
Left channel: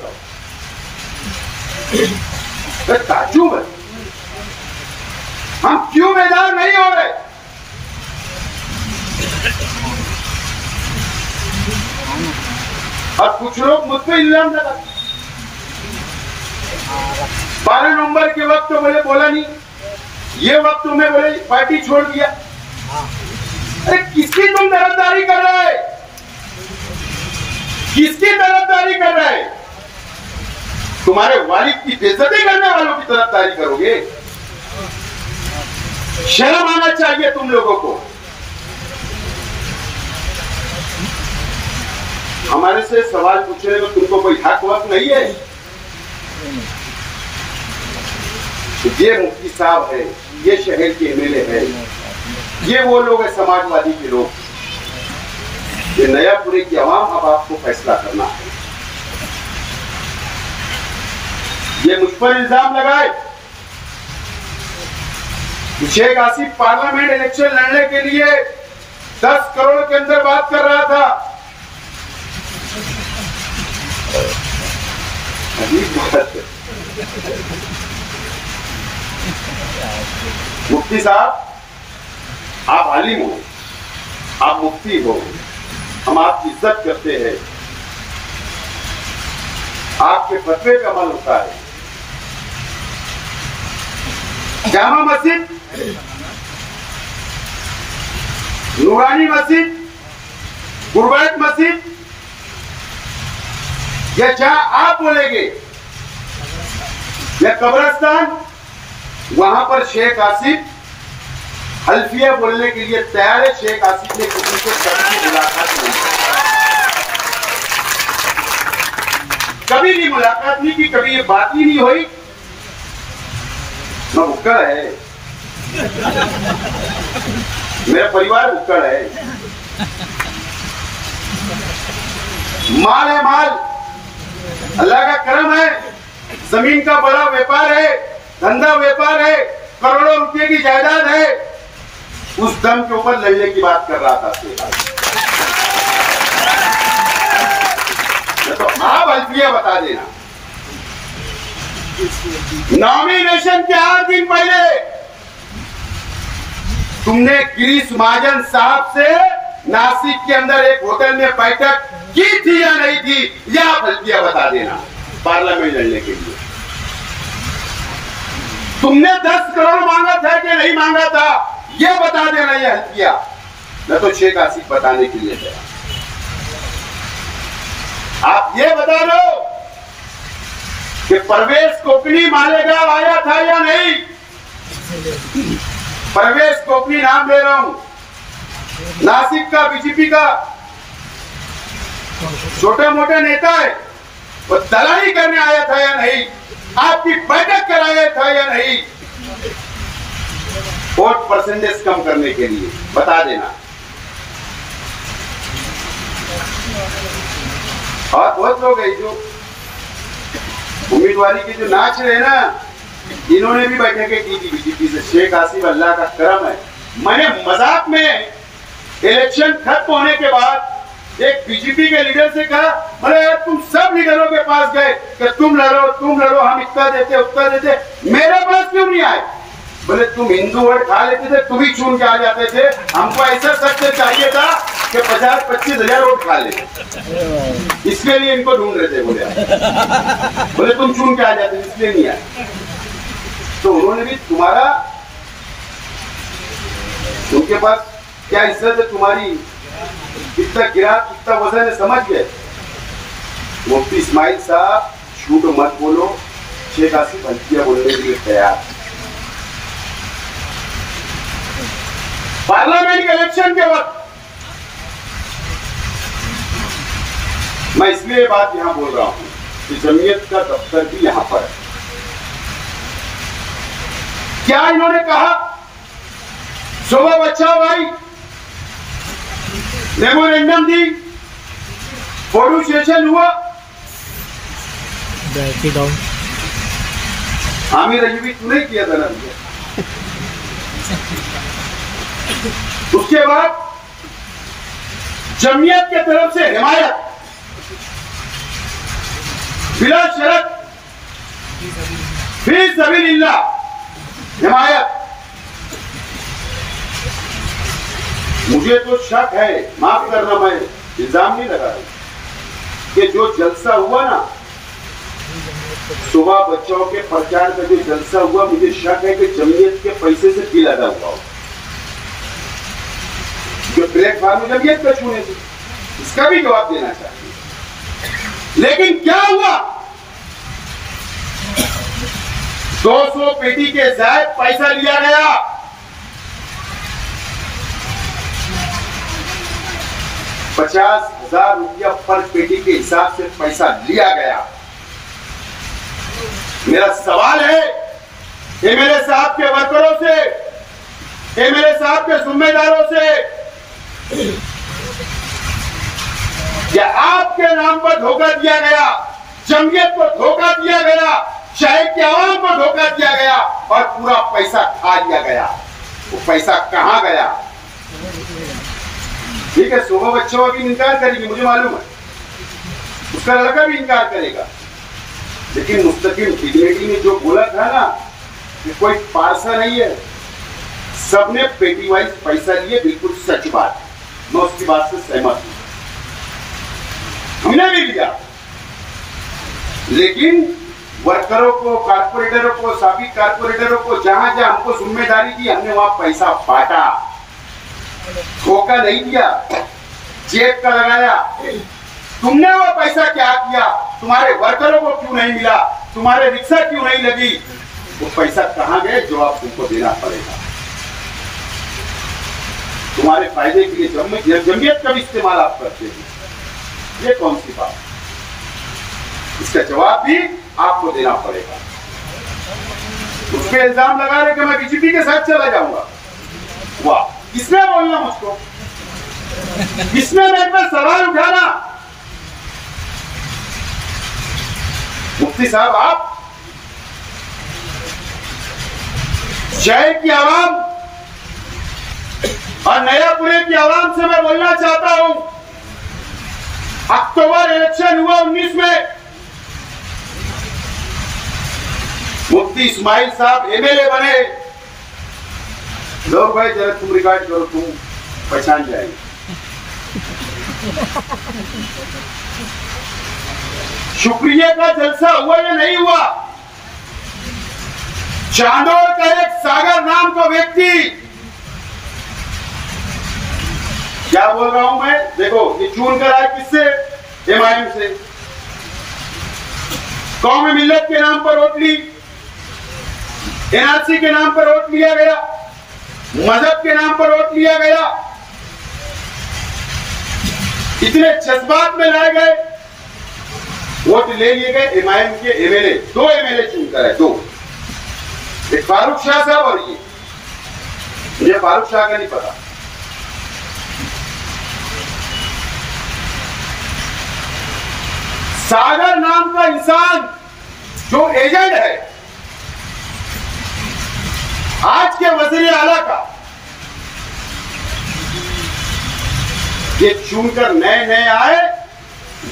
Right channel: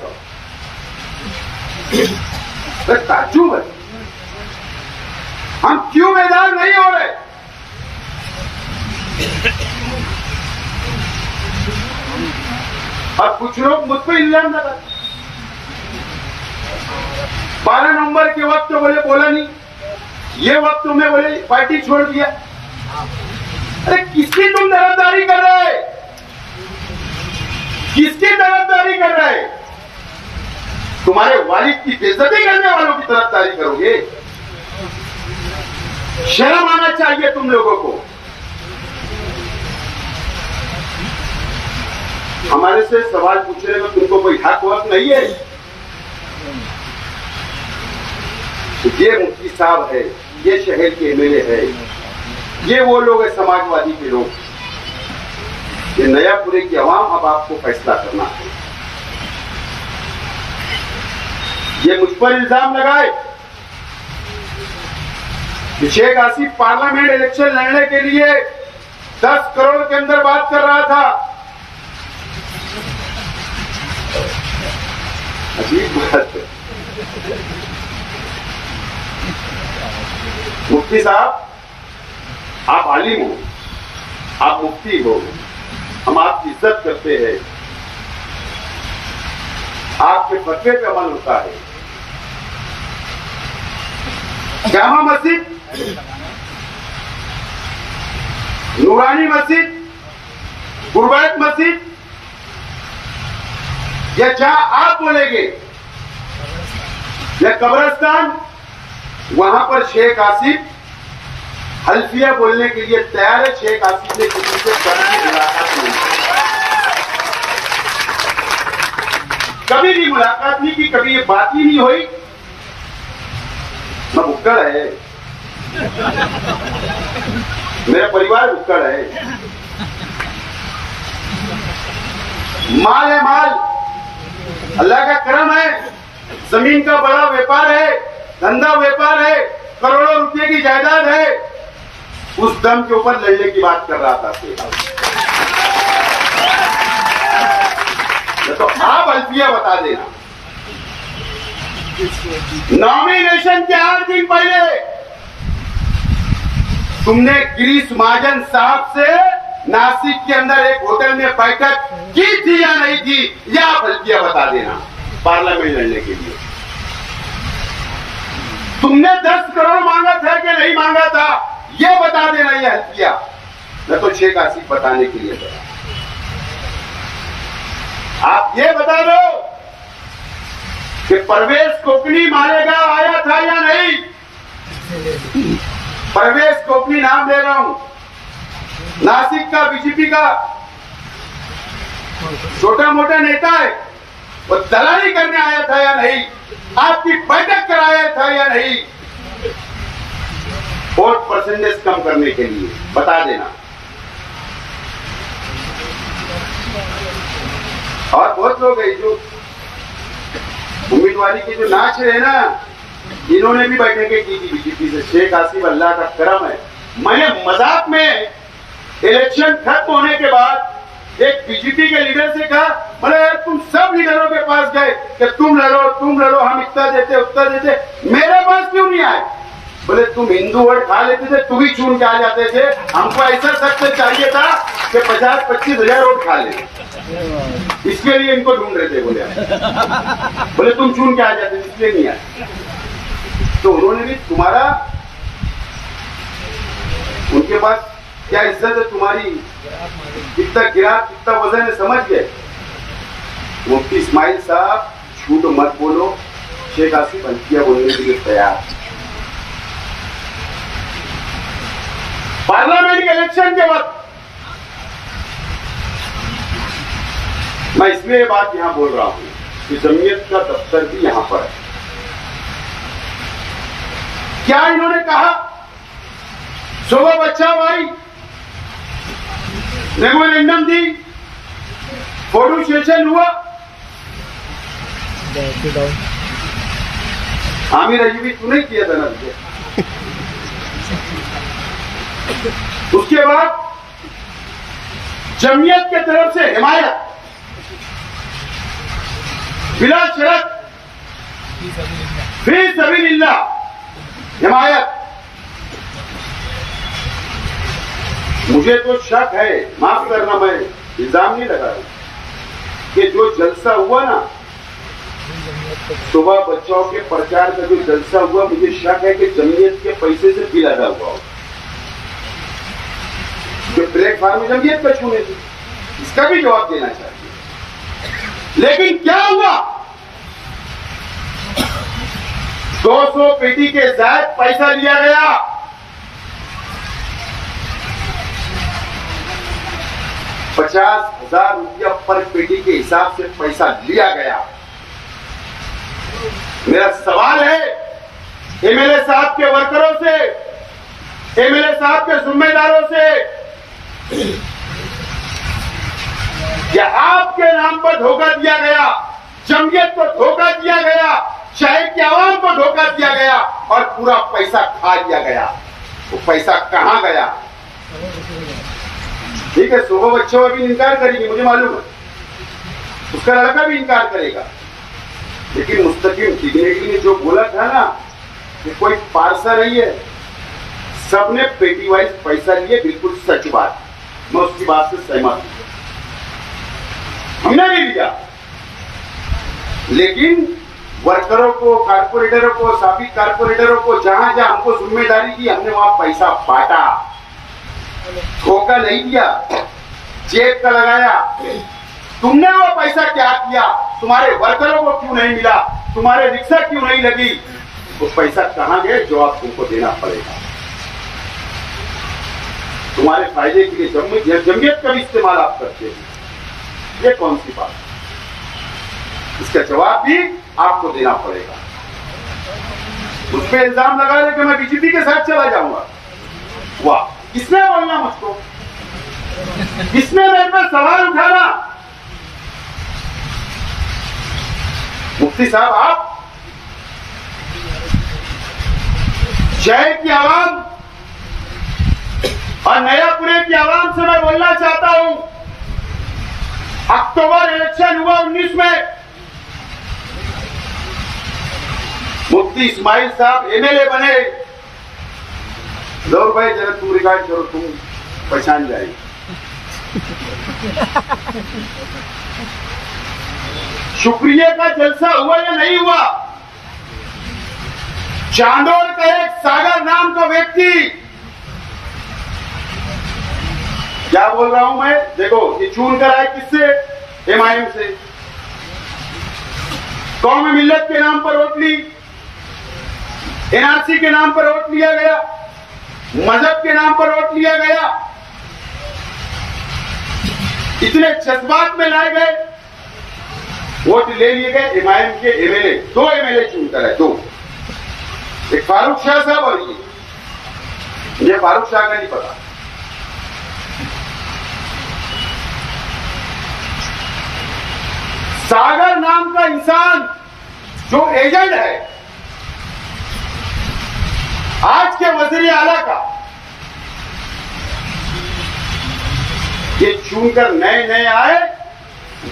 सब ताज्जुब है। हम क्यों बेदार नहीं हो रहे? और कुछ लोग मुझ पर इल्जाम लगा, 12 नवंबर के वक्त तो बोले बोला नहीं, ये वक्त तुम्हें बोले पार्टी छोड़ दिया। अरे किसकी तुम तरफदारी कर रहे? किसकी तरफदारी कर रहे? तुम्हारे वालिद की बेइज्जती करने वालों की तरफदारी करोगे? शर्म आना चाहिए तुम लोगों को। हमारे से सवाल पूछने में तुमको कोई हक वक्त नहीं है। ये मुफ्ती साहब है, ये शहर के एमएलए है, ये वो लोग है समाजवादी के लोग। ये नयापुरे की आवाम अब आपको फैसला करना है। ये मुझ पर इल्जाम लगाए कि शेख आसिफ पार्लियामेंट इलेक्शन लड़ने के लिए 10 करोड़ के अंदर बात कर रहा था। अजीब बात है। मुफ्ती साहब, आप आलिम हो, आप मुफ्ती हो, हम आपकी इज्जत करते हैं, आपके फतवे पे अमल होता है। जामा मस्जिद, नूरानी मस्जिद, गुरबैत मस्जिद, या जहां आप बोलेंगे, या कब्रिस्तान, वहां पर शेख आसिफ हल्फिया बोलने के लिए तैयार है। शेख आसिफ ने किसी से कभी मुलाकात नहीं की, कभी भी मुलाकात नहीं की, कभी ये बात ही नहीं हुई। ना भुक्कड़ है, मेरा परिवार भुक्कड़ है। माल है माल, अल्लाह का करम है, जमीन का बड़ा व्यापार है, धंधा व्यापार है, करोड़ों रुपए की जायदाद है। उस दम के ऊपर लड़ने की बात कर रहा था। तो आप अल्फिया बता देना। नॉमिनेशन के 8 दिन पहले तुमने गिरीश महाजन साहब से नासिक के अंदर एक होटल में बैठक की थी या नहीं थी, या आप अल्फिया बता देना पार्लियामेंट लड़ने के लिए। तुमने 10 करोड़ मांगा था कि नहीं मांगा था, ये बता देना। ये हल्फिया मैं तो शेख आसिफ बताने के लिए तैयार। आप ये बता दो कि परवेज कोकनी मालेगांव आया था या नहीं। परवेज कोकनी नाम ले रहा हूं, नासिक का बीजेपी का छोटे मोटे नेता है, वो दलाली करने आया था या नहीं, आपकी बैठक कराया था या नहीं, वोट परसेंटेज कम करने के लिए बता देना। और बहुत लोग हैं जो उम्मीदवारी के जो नाच रहे ना, इन्होंने भी बैठकें की थी बीजेपी से। शेख आसिफ अल्लाह का करम है, मैंने मजाक में इलेक्शन खत्म होने के बाद एक बीजेपी के लीडर से कहा, बोले यार तुम सब लीडरों के पास गए कि तुम लड़ो, हम इतना देते उतना देते, मेरे पास क्यों नहीं आए? बोले तुम हिंदू वोट खा लेते थे, तुम ही चुन के आ जाते थे, हमको ऐसा सख्त चाहिए था कि 50-25 हजार वोट खा ले, इसके लिए इनको ढूंढ रहे थे। बोले तुम चुन के आ जाते, इसलिए नहीं आए। तो उन्होंने भी तुम्हारा, उनके पास क्या इज्जत है तुम्हारी, कितना गिरा कितना वजन है, समझ गए। मुफ्ती इस्माइल साहब झूठ मत बोलो, शेख आसिफ हल्किया बोलने के लिए तैयार। पार्लियामेंट के इलेक्शन के वक्त मैं इसलिए ये बात यहां बोल रहा हूं कि जमीयत का दफ्तर भी यहां पर है। क्या इन्होंने कहा, सुबह बच्चा भाई मेमोरेंडम दी, फोटो सेशन हुआ, आमिर अयूबी तू नहीं किया था ना मुझे। उसके बाद जमीयत के तरफ से हिमायत बिला शर्त फी सबीलिल्लाह हिमायत। मुझे तो शक है, माफ करना मैं इल्जाम नहीं लगा रहा, कि जो जलसा हुआ ना सुबह बच्चों के प्रचार का जो जलसा हुआ, मुझे शक है कि जमीयत के पैसे से बिल अदा हुआ हो, जो प्लेटफॉर्म जमीयत का छूने से, इसका भी जवाब देना चाहिए। लेकिन क्या हुआ, 200 पेटी के जायद पैसा लिया गया, 50,000 रुपया पर पेटी के हिसाब से पैसा लिया गया। मेरा सवाल है एमएलए साहब के वर्करों से, एमएलए साहब के जिम्मेदारों से, क्या आपके नाम पर धोखा दिया गया, जमीयत को धोखा दिया गया, शहर की आवाम को धोखा दिया गया और पूरा पैसा खा लिया गया? वो पैसा कहां गया? ठीक है, सुबह बच्चों अभी इनकार करेगी, मुझे मालूम है, उसका लड़का भी इनकार करेगा, लेकिन मुस्तकिल डिग्निटी ने जो बोला था ना कि कोई पारसा नहीं है, सबने पेटी वाइज पैसा लिए, बिल्कुल सच बात, मैं उसकी बात से सहमत हूं, हमने भी लिया। लेकिन वर्करों को, कारपोरेटरों को, साबिक कारपोरेटरों को जहां जहां हमको जिम्मेदारी दी, हमने वहां पैसा बांटा, धोखा नहीं दिया, जेब का लगाया। तुमने वो पैसा क्या किया? तुम्हारे वर्करों को क्यों नहीं मिला? तुम्हारे रिक्शा क्यों नहीं लगी? वो पैसा कहां गया? जवाब तुमको देना पड़ेगा। तुम्हारे फायदे के लिए जमीयत का भी इस्तेमाल आप करते हैं, ये कौन सी बात? इसका जवाब भी आपको देना पड़ेगा। उस पर इल्जाम लगा रहे कि मैं बीजेपी के साथ चला जाऊंगा। वाह, किसने बोलना मुझको? किसने मेरे पर सवाल उठाना? मुफ्ती साहब, आप शहर की आवाम और नयापुरे की आवाम से मैं बोलना चाहता हूं, अक्टूबर इलेक्शन हुआ 19 में, मुफ्ती इस्माइल साहब एमएलए बने। दौर भाई जरा तुम रिकॉर्ड करो, तुम पहचान जाएंगे। शुक्रिया का जलसा हुआ या नहीं हुआ? चांदोड़ का एक सागर नाम का व्यक्ति, क्या बोल रहा हूं मैं, देखो ये चुन कर आए किससे? एमआईएम से। कौमी मिल्लत के नाम पर वोट ली, एनआरसी के नाम पर वोट लिया गया, मजहब के नाम पर वोट लिया गया, इतने जज्बात में लाए गए, वोट ले लिए गए। एमआईएम के एमएलए, 2 एमएलए चुनकर है, 2, एक फारूक शाह साहब और ये, मुझे फारूक शाह का नहीं पता। सागर नाम का इंसान जो एजेंट है आज के वज़ीर आला का, ये चुनकर नए नए आए,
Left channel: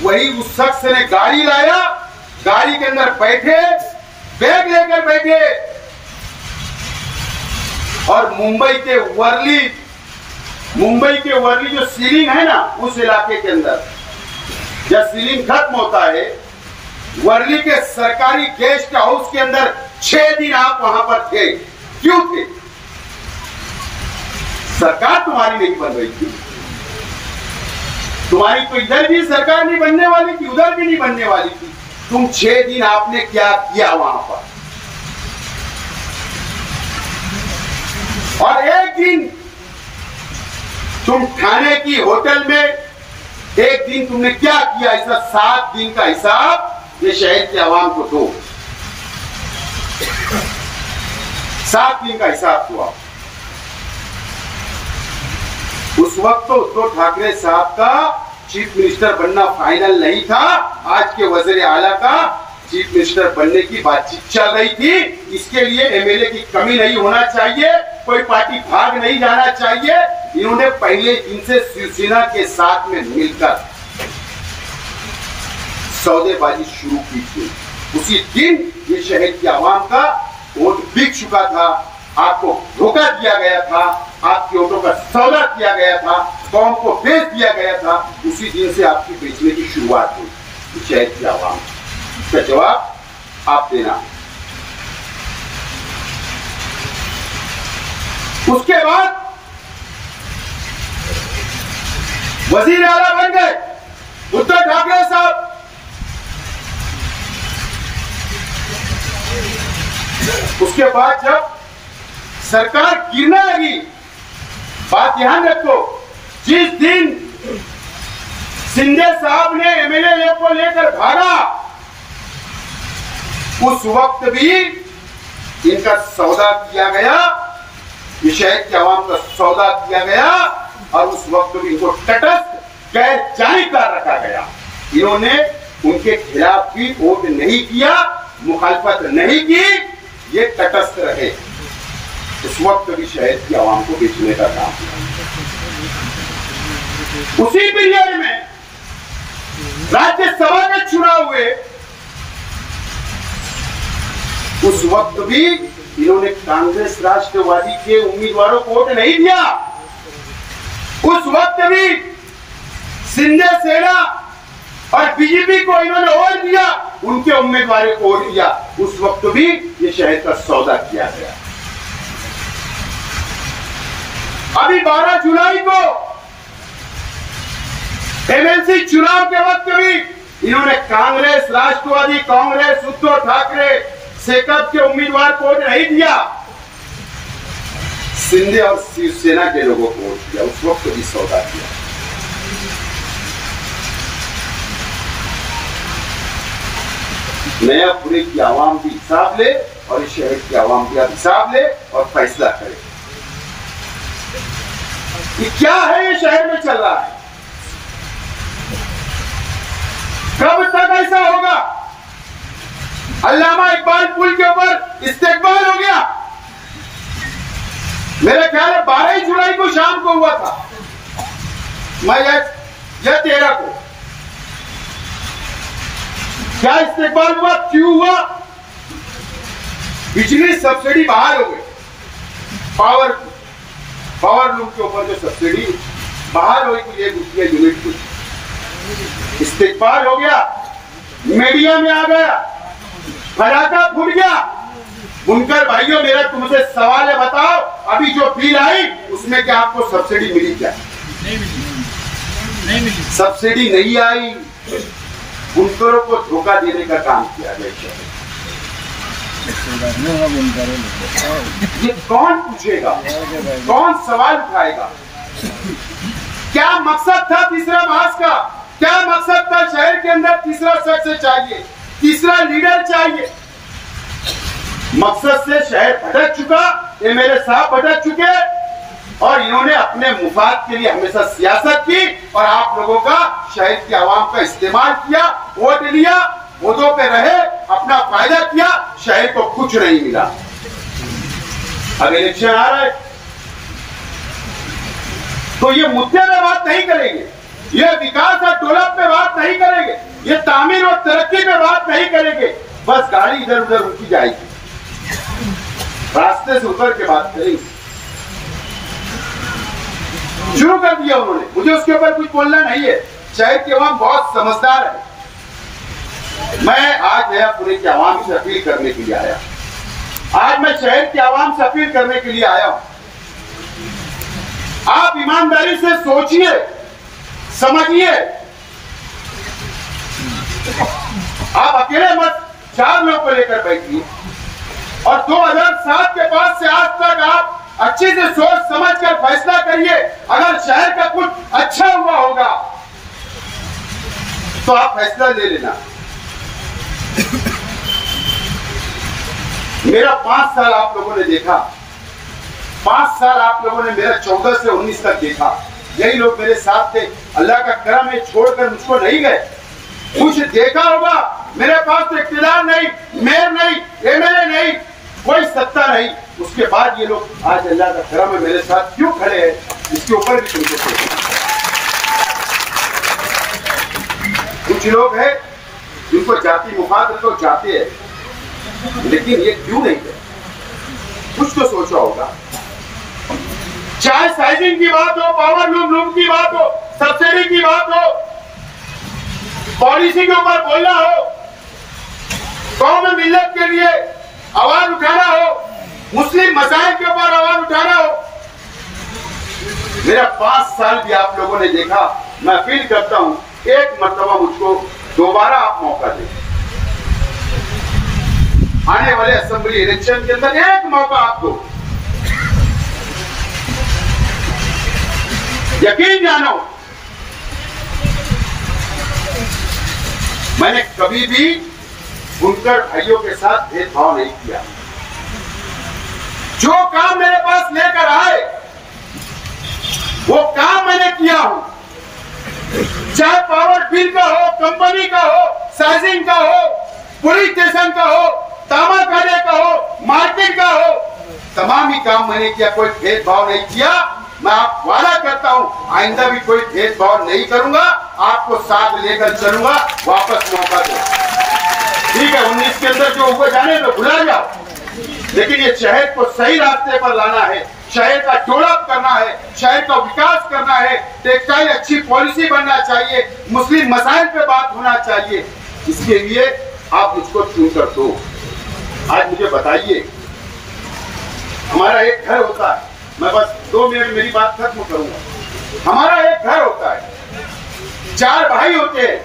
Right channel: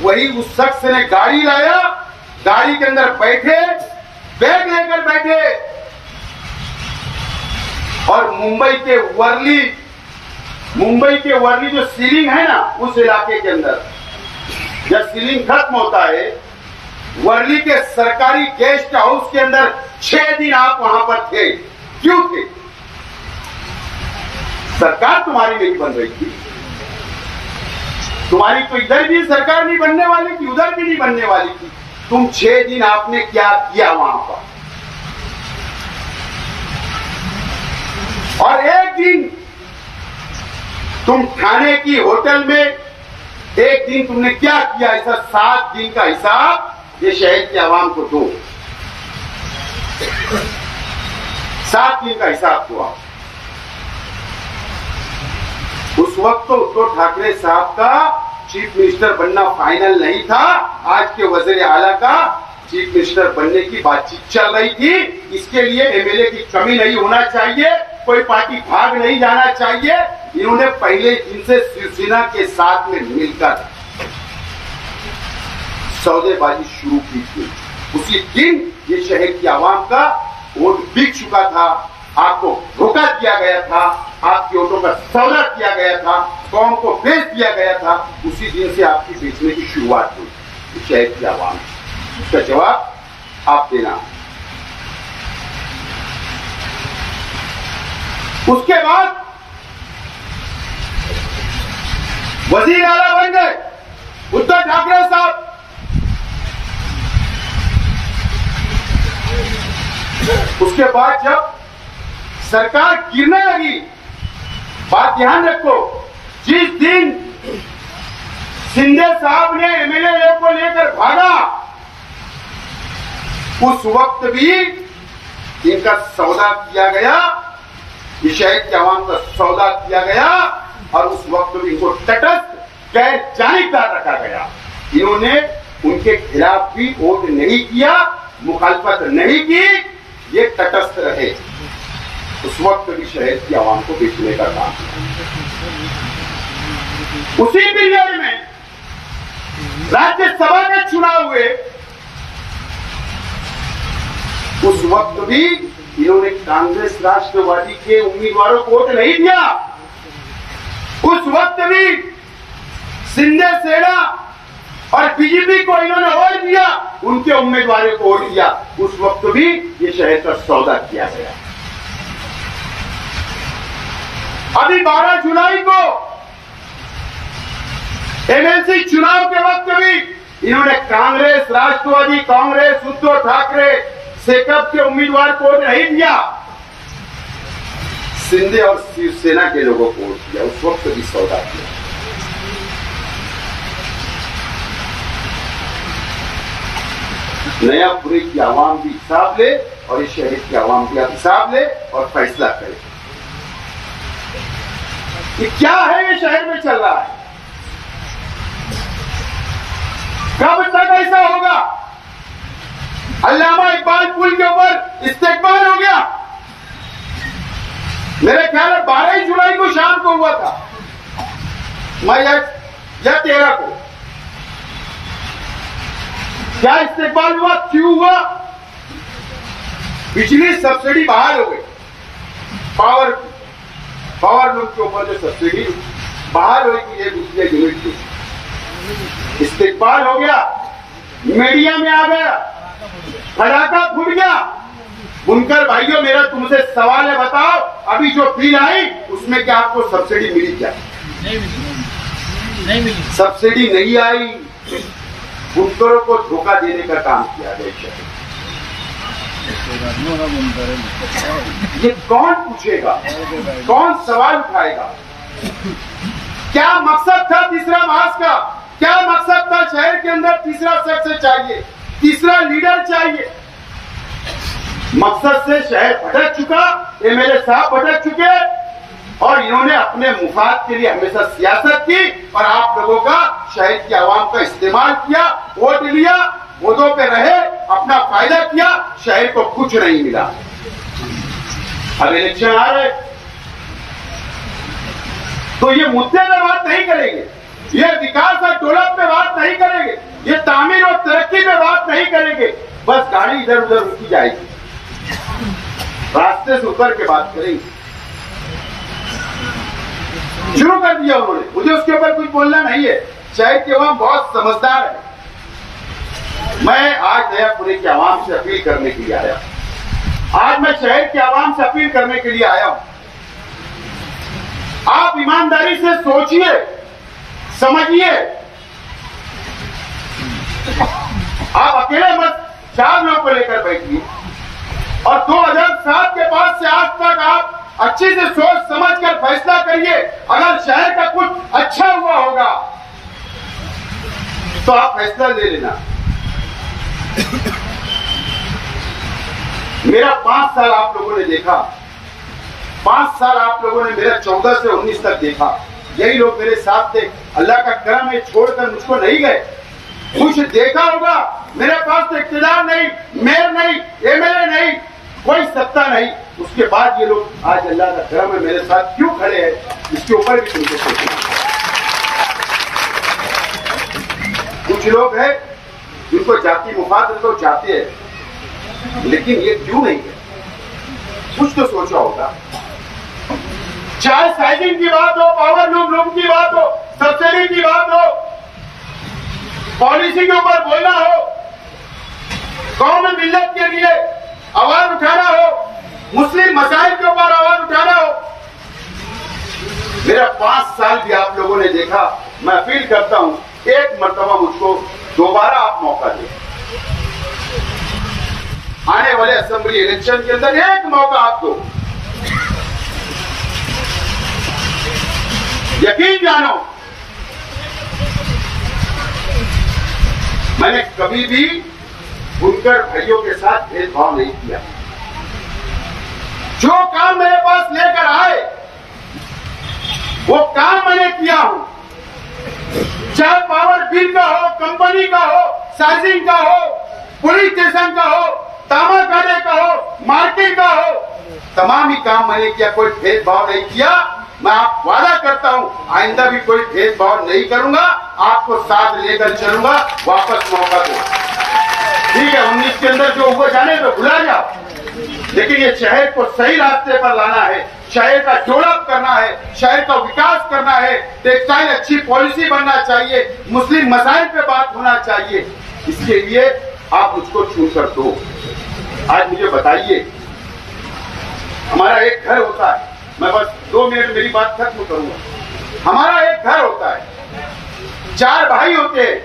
वही उस शख्स ने गाड़ी लाया, गाड़ी के अंदर बैठे, बैग लेकर बैठे और मुंबई के वर्ली जो सीलिंग है ना, उस इलाके के अंदर जब सीलिंग खत्म होता है, वर्ली के सरकारी गेस्ट हाउस के अंदर 6 दिन आप वहां पर थे, क्यों थे? सरकार तुम्हारी नहीं बन रही थी। तुम्हारी तो इधर भी सरकार नहीं बनने वाली थी, उधर भी नहीं बनने वाली थी। तुम 6 दिन आपने क्या किया वहां पर? और एक दिन तुम ठाणे की होटल में एक दिन तुमने क्या किया? ऐसा 7 दिन का हिसाब ये शहर की आवाम को दो। 7 दिन का हिसाब हुआ। उस वक्त तो उद्धव ठाकरे साहब का चीफ मिनिस्टर बनना फाइनल नहीं था। आज के वज़ीर आला का चीफ मिनिस्टर बनने की बातचीत चल रही थी। इसके लिए एमएलए की कमी नहीं होना चाहिए, कोई पार्टी भाग नहीं जाना चाहिए। इन्होंने पहले दिन से शिवसेना के साथ में मिलकर सौदेबाजी शुरू की थी। उसी दिन ये शहर की आवाम का वोट बिक चुका था, आपको धोखा दिया गया था, आपके वोटों का सौदा किया गया था, कौम को बेच दिया गया था। उसी दिन से आपकी बेचने की शुरुआत हुई शहर की आवाम। इसका जवाब आप देना। उसके बाद वजीर आला बन गए उद्धव ठाकरे साहब। उसके बाद जब सरकार गिरने लगी, बात ध्यान रखो, जिस दिन शिंदे साहब ने एमएलए को लेकर भागा, उस वक्त भी इनका सौदा किया गया, ये शहर के आवाम का सौदा किया गया। और उस वक्त भी इनको तटस्थ गैर जानिबदार रखा गया। इन्होंने उनके खिलाफ भी वोट नहीं किया, मुखालफत नहीं की, ये तटस्थ रहे। उस वक्त भी शहर की आवाम को बेचने का काम किया। उसी पीरियड में राज्यसभा के चुनाव हुए, उस वक्त भी इन्होंने कांग्रेस राष्ट्रवादी के उम्मीदवारों को वोट नहीं दिया। उस वक्त भी शिंदे सेना और बीजेपी को इन्होंने वोट दिया, उनके उम्मीदवारों को वोट दिया। उस वक्त भी ये शहर का सौदा किया गया। अभी 12 जुलाई को एमएलसी चुनाव के वक्त भी इन्होंने कांग्रेस राष्ट्रवादी कांग्रेस उद्धव ठाकरे सेकअप के उम्मीदवार को वोट नहीं दिया, शिंदे और शिवसेना के लोगों को वोट दिया। उस वक्त भी सौदा किया। नयापुरे की आवाम भी हिसाब ले और इस शहर की आवाम भी हिसाब ले और फैसला करे कि क्या है ये शहर में चल रहा है। कब तक ऐसा होगा? अल्लामा इकबाल पुल के ऊपर इस्तेकबाल हो गया, मेरे ख्याल है 12 जुलाई को शाम को हुआ था, मैं या 13 को। क्या इस्तेकबाल हुआ? क्यों हुआ? बिजली सब्सिडी बहाल हो गई। पावर लूम के ऊपर जो सब्सिडी बहाल हो गई, 1 रुपया यूनिट की। इस्तेकबाल हो गया, मीडिया में आ गया, फटाका फूट गया। बुनकर भाइयों, मेरा तुमसे सवाल है, बताओ अभी जो बिल आई उसमें क्या आपको सब्सिडी मिली? क्या नहीं मिली। सब्सिडी नहीं आई। बुनकरों को धोखा देने का काम किया गया। ये कौन पूछेगा? कौन सवाल उठाएगा? क्या मकसद था तीसरा मास का? क्या मकसद था? शहर के अंदर तीसरा शख्स चाहिए, तीसरा लीडर चाहिए। मकसद से शहर भटक चुका, एमएलए साहब भटक चुके और इन्होंने अपने मुफाद के लिए हमेशा सियासत की और आप लोगों का, शहर की आवाम का इस्तेमाल किया, वोट लिया, वोटों पे रहे, अपना फायदा किया, शहर को कुछ नहीं मिला। अब इलेक्शन आ रहा है तो ये मुद्दे पे बात नहीं करेंगे, ये विकास और डेवलप पे बात नहीं करेंगे, ये तामीर और तरक्की पे बात नहीं करेंगे। बस गाड़ी इधर उधर रुकी जाएगी, रास्ते से उतर के बात करेंगे। शुरू कर दिया उन्होंने, मुझे उसके ऊपर कुछ बोलना नहीं है। शहर की आवाम बहुत समझदार है। मैं आज नयापुरे की आवाम से अपील करने के लिए आया, आज मैं शहर की आवाम से अपील करने के लिए आया हूं। आप ईमानदारी से सोचिए, समझिए। आप अकेले मत, 4 लोगों को लेकर बैठिए और 2007 के बाद से आज तक आप अच्छे से सोच समझकर फैसला करिए। अगर शहर का कुछ अच्छा हुआ होगा तो आप फैसला ले लेना। मेरा 5 साल आप लोगों ने देखा, 5 साल आप लोगों ने मेरा 14 से 19 तक देखा। यही लोग मेरे साथ थे। अल्लाह का करम है, छोड़कर मुझको नहीं गए। कुछ देखा होगा, मेरे पास तो इख्तियार नहीं, मेयर नहीं, एमएलए नहीं, कोई सत्ता नहीं। उसके बाद ये लोग आज अल्लाह का करम है मेरे साथ क्यों खड़े हैं, इसके ऊपर भी तुमको सोचना। कुछ लोग हैं जिनको जाति मुफाद तो जाते हैं, लेकिन ये क्यों नहीं है, कुछ तो सोचा होगा। चाहे साइजिंग की बात हो, पावर लूम की बात हो, सब्सिडी की बात हो, पॉलिसी के ऊपर बोलना हो, कौम मिल्लत के लिए आवाज उठाना हो, मुस्लिम मसाइल के ऊपर आवाज उठाना हो। मेरा 5 साल भी आप लोगों ने देखा। मैं अपील करता हूं, एक मर्तबा मुझको दोबारा आप मौका दें। आने वाले असेंबली इलेक्शन के अंदर एक मौका आप दो। यकीन जानो, मैंने कभी भी बुनकर भाइयों के साथ भेदभाव नहीं किया। जो काम मेरे पास लेकर आए वो काम मैंने किया हूं। चाहे पावर बिल का हो, कंपनी का हो, साइजिंग का हो, पुलिस स्टेशन का हो, तामा खाने का हो, मार्केट का हो, तमाम ही काम मैंने किया। कोई भेदभाव नहीं किया। मैं आप वादा करता हूं आइंदा भी कोई भेदभाव नहीं करूंगा। आपको साथ लेकर चलूंगा। वापस मौका दो। ठीक है, 19 के अंदर जो हुए जाने तो भुला जाओ, लेकिन ये शहर को सही रास्ते पर लाना है, शहर का डेवलप करना है, शहर का विकास करना है। टेक्सटाइल अच्छी पॉलिसी बनना चाहिए, मुस्लिम मसाइल पे बात होना चाहिए। इसके लिए आप मुझको चुनकर दो। आज मुझे बताइए, हमारा एक घर होता है, मैं बस 2 मिनट मेरी बात खत्म करूंगा। हमारा एक घर होता है, 4 भाई होते हैं,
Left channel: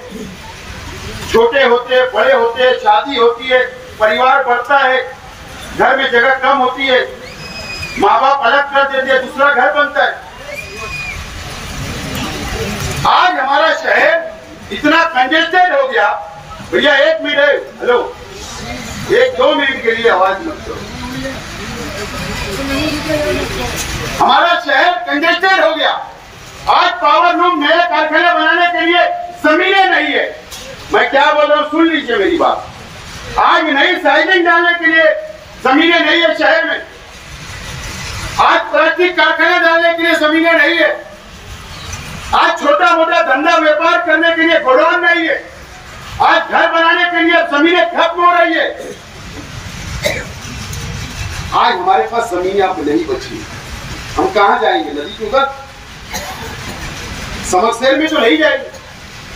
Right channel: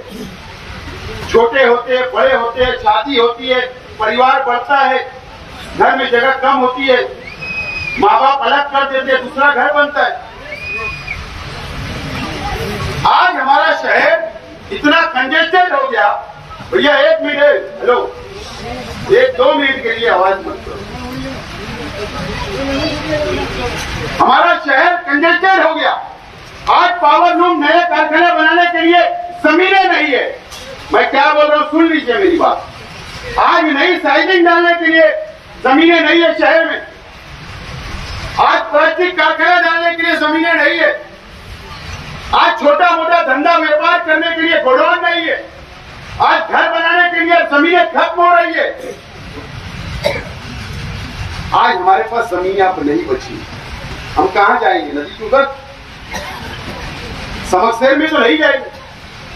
छोटे होते हैं, बड़े होते हैं, शादी होती है, परिवार बढ़ता है, घर में जगह कम होती है, माँ बाप अलग कर देते हैं, दूसरा घर बनता है। आज हमारा शहर इतना कंजेस्टेड हो गया। भैया 1 मिनट, हेलो, 1-2 मिनट के लिए आवाज मत करो। हमारा शहर कंजेस्टेड हो गया। आज पावर लूम नए कारखाने बनाने के लिए जमीनें नहीं है। मैं क्या बोल रहा हूँ, सुन लीजिए मेरी बात। आज नई साइजिंग डालने के लिए जमीनें नहीं है शहर में। आज प्लास्टिक कारखाना डालने के लिए जमीनें नहीं है। आज छोटा मोटा धंधा व्यापार करने के लिए गोडाउन नहीं है। आज घर बनाने के लिए जमीनें खत्म हो रही है। आज हमारे पास जमीन अब नहीं बची। हम कहां जाएंगे? नदी के उधर, समकसेर में तो नहीं जाएंगे,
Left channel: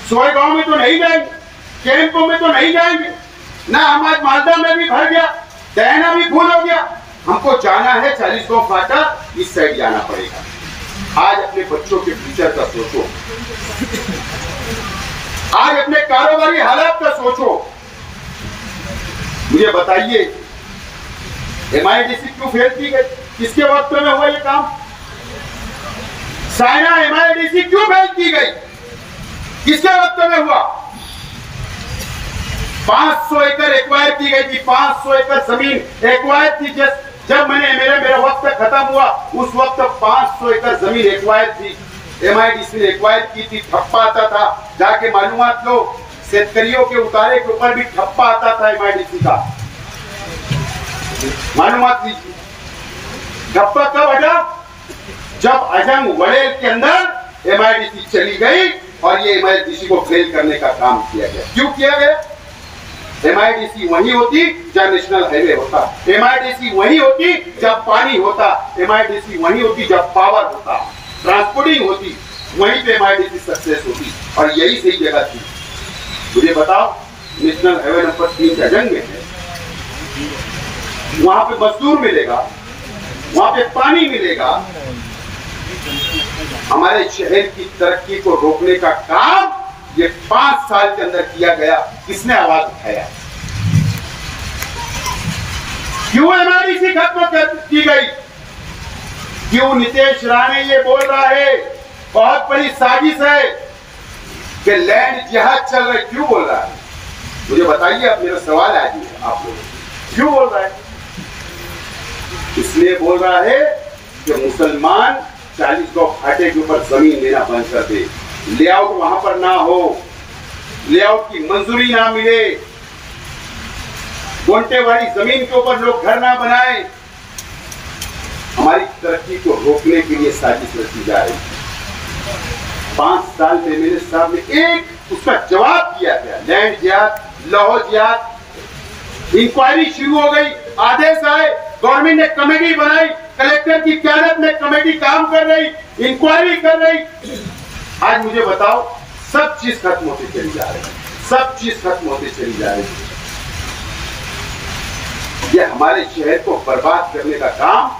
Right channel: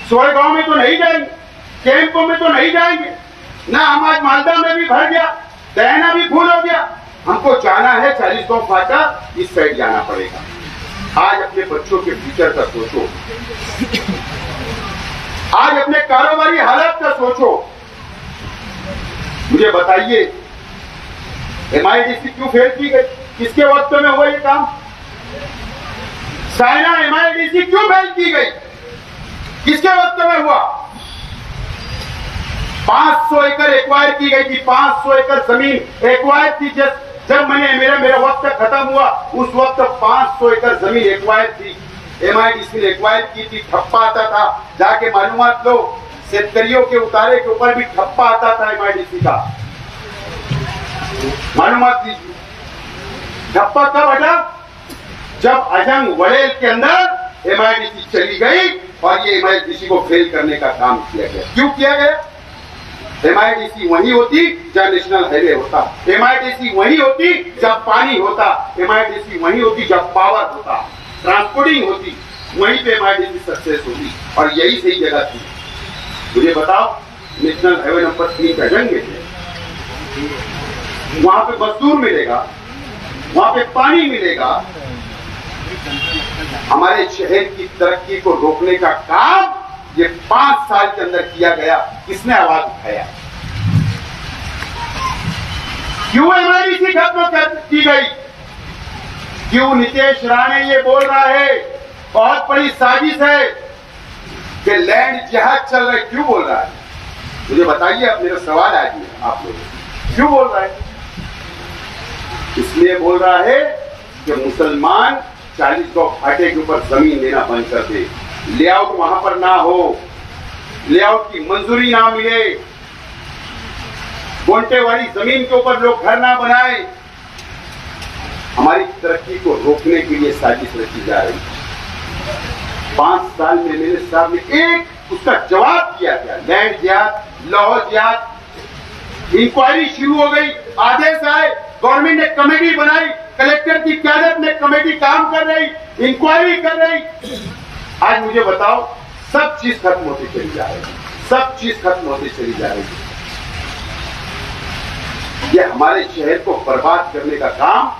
सोयगांव में तो नहीं जाएंगे, कैंपों में तो नहीं जाएंगे ना। हम आज मालदा में भी भर गया, दयाना भी फूल हो गया। हमको जाना है 40 गांव फाटा, इस साइड जाना पड़ेगा। आज अपने बच्चों के फ्यूचर का सोचो, आज अपने कारोबारी हालात का सोचो। मुझे बताइए, MIDC क्यों फेल की गई? किसके वक्त में हुआ ये काम? साइना MIDC क्यों फेल की गई? किसके वक्त में हुआ? 500 एकड़ एक्वायर की गई थी। 500 एकड़ जमीन एक्वायर थी। जब मेरा वक्त खत्म हुआ, उस वक्त 500 एकड़ जमीन एक्वायर थी। MIDC ने एक्वायर की थी। ठप्पा आता था, जाके मालूमात लो। शेतकरियों के उतारे के ऊपर भी ठप्पा आता था MIDC का, मालूमात लीजिए। ठप्पा कब हटा? जब अजंग वड़ेल के अंदर MIDC चली गई और ये MIDC को फेल करने का काम किया गया। क्यों किया गया? MIDC वही होती जब नेशनल हाईवे होता, MIDC वही होती जब पानी होता, MIDC वही होती जब पावर होता, ट्रांसपोर्टिंग होती, वहीं पे MIDC सक्सेस होती। और यही सही जगह थी। मुझे बताओ, नेशनल हाईवे नंबर 3 अजंग में है, वहां पे मजदूर मिलेगा, वहां पे पानी मिलेगा। हमारे शहर की तरक्की को रोकने का काम ये 5 साल के अंदर किया गया। किसने आवाज उठाया? क्यों एमआईडीसी खत्म की गई? क्यों नीतीश राणे ये बोल रहा है बहुत बड़ी साजिश है कि लैंड जिहाद चल रहा है? क्यों बोल रहा है? मुझे बताइए। अब मेरा सवाल आ गया, आप लोग क्यों बोल रहा है? इसलिए बोल रहा है कि मुसलमान 40 गांव फाटे के ऊपर जमीन लेना बंद कर दे, लेआउट वहां पर ना हो, लेआउट की मंजूरी ना मिले, गोंटे वाली जमीन के ऊपर लोग घर ना बनाए। हमारी तरक्की को रोकने के लिए साजिश रची जा रही है। 5 साल में मेरे साहब ने एक उसका जवाब किया गया। लैंड जिहाद, लौह जिहाद, इंक्वायरी शुरू हो गई, आदेश आए, गवर्नमेंट ने कमेटी बनाई, कलेक्टर की क्यादत में कमेटी काम कर रही, इंक्वायरी कर रही। आज मुझे बताओ, सब चीज खत्म होती चली जा रही है, सब चीज खत्म होती चली जा रही है। ये हमारे शहर को बर्बाद करने का काम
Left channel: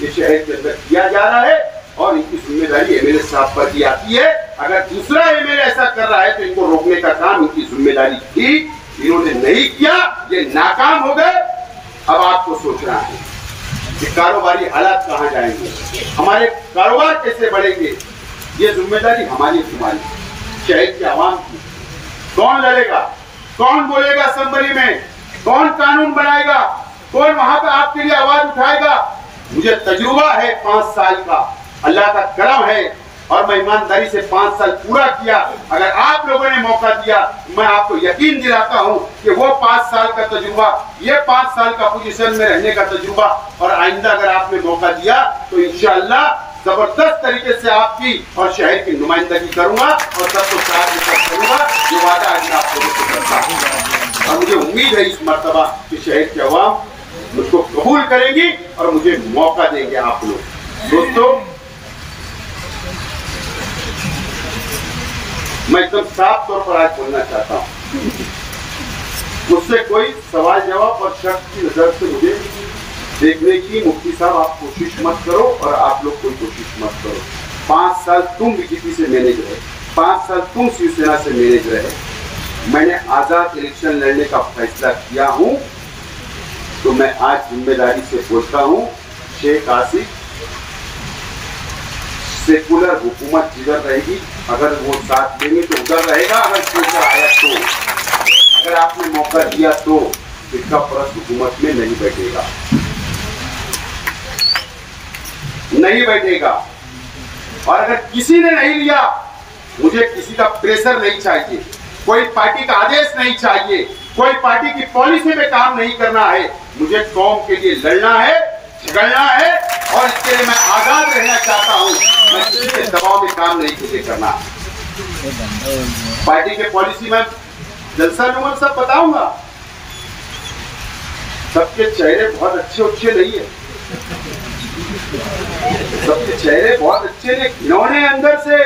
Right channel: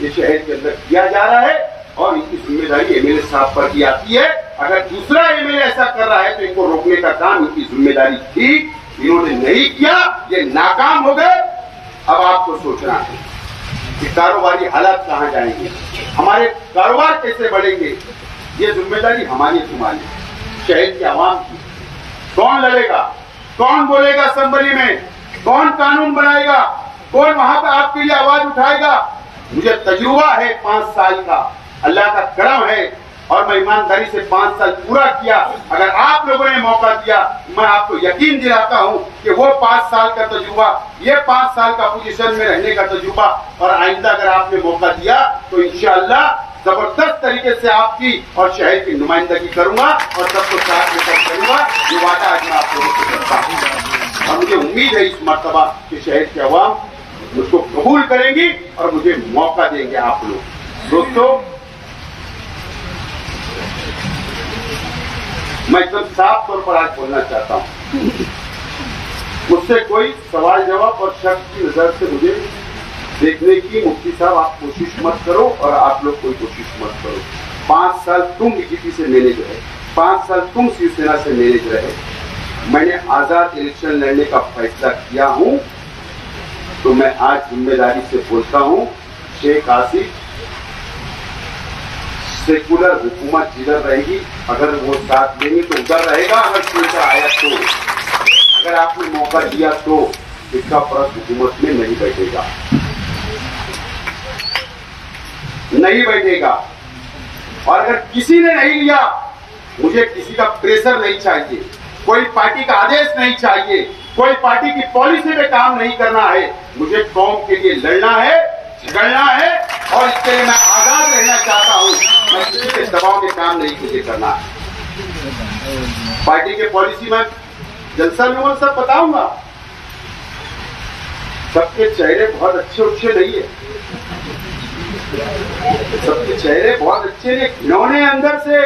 ये शहर के अंदर किया जा रहा है और इनकी जिम्मेदारी एमएलए साहब पर भी आती है। अगर दूसरा एमएलए ऐसा कर रहा है तो इनको रोकने का काम इनकी जिम्मेदारी थी, इन्होंने नहीं किया, ये नाकाम हो गए। अब आपको सोचना है कि कारोबारी हालात कहां जाएंगे, हमारे कारोबार कैसे बढ़ेंगे। ये जिम्मेदारी हमारी तुम्हारी, शहर की आवाम की। कौन लड़ेगा, कौन बोलेगा असेंबली में, कौन कानून बनाएगा, कौन वहां पर आपके लिए आवाज उठाएगा? मुझे तजुर्बा है 5 साल का, अल्लाह का करम है और मैं ईमानदारी से 5 साल पूरा किया। अगर आप लोगों ने मौका दिया, मैं आपको यकीन दिलाता हूं कि वो 5 साल का तजुर्बा, ये 5 साल का पोजीशन में रहने का तजुर्बा और आइंदा अगर आपने मौका दिया तो इंशाअल्लाह जबरदस्त तरीके से आपकी और शहर की नुमाइंदगी करूंगा और सबको साथ लेकर करूंगा। ये वादा आज मैं आप लोगों से करता हूं और मुझे उम्मीद है इस मर्तबा कि शहर की आवाम मुझको कबूल करेंगी और मुझे मौका देंगे आप लोग। दोस्तों, मैं एकदम साफ तौर पर आज बोलना चाहता हूं, मुझसे कोई सवाल जवाब और शक की नजर से मुझे देखने की मुफ्ती साहब आप कोशिश मत करो और आप लोग कोई कोशिश मत करो। 5 साल तुम बीजेपी से मैनेज रहे, 5 साल तुम शिवसेना से मैनेज रहे। मैंने आजाद इलेक्शन लड़ने का फैसला किया हूं तो मैं आज जिम्मेदारी से बोलता हूं, शेख आसिफ सेकुलर हुकूमत जिधर रहेगी, अगर वो साथ देंगे तो उधर रहेगा। अगर फ्यूचर आया तो, अगर आपने मौका दिया तो फिक्का परस्त हुकूमत में नहीं बैठेगा, नहीं बैठेगा। और अगर किसी ने नहीं लिया, मुझे किसी का प्रेशर नहीं चाहिए, कोई पार्टी का आदेश नहीं चाहिए, कोई पार्टी की पॉलिसी पे काम नहीं करना है। मुझे कौम के लिए लड़ना है, झगड़ना है और इसके लिए मैं आजाद रहना चाहता हूं। मैं किसी के दबाव में काम नहीं मुझे करना है। पार्टी के पॉलिसी में जलसा में सब बताऊंगा। सबके चेहरे बहुत अच्छे नहीं है, सबके चेहरे बहुत अच्छे नहीं, घिनौने अंदर से।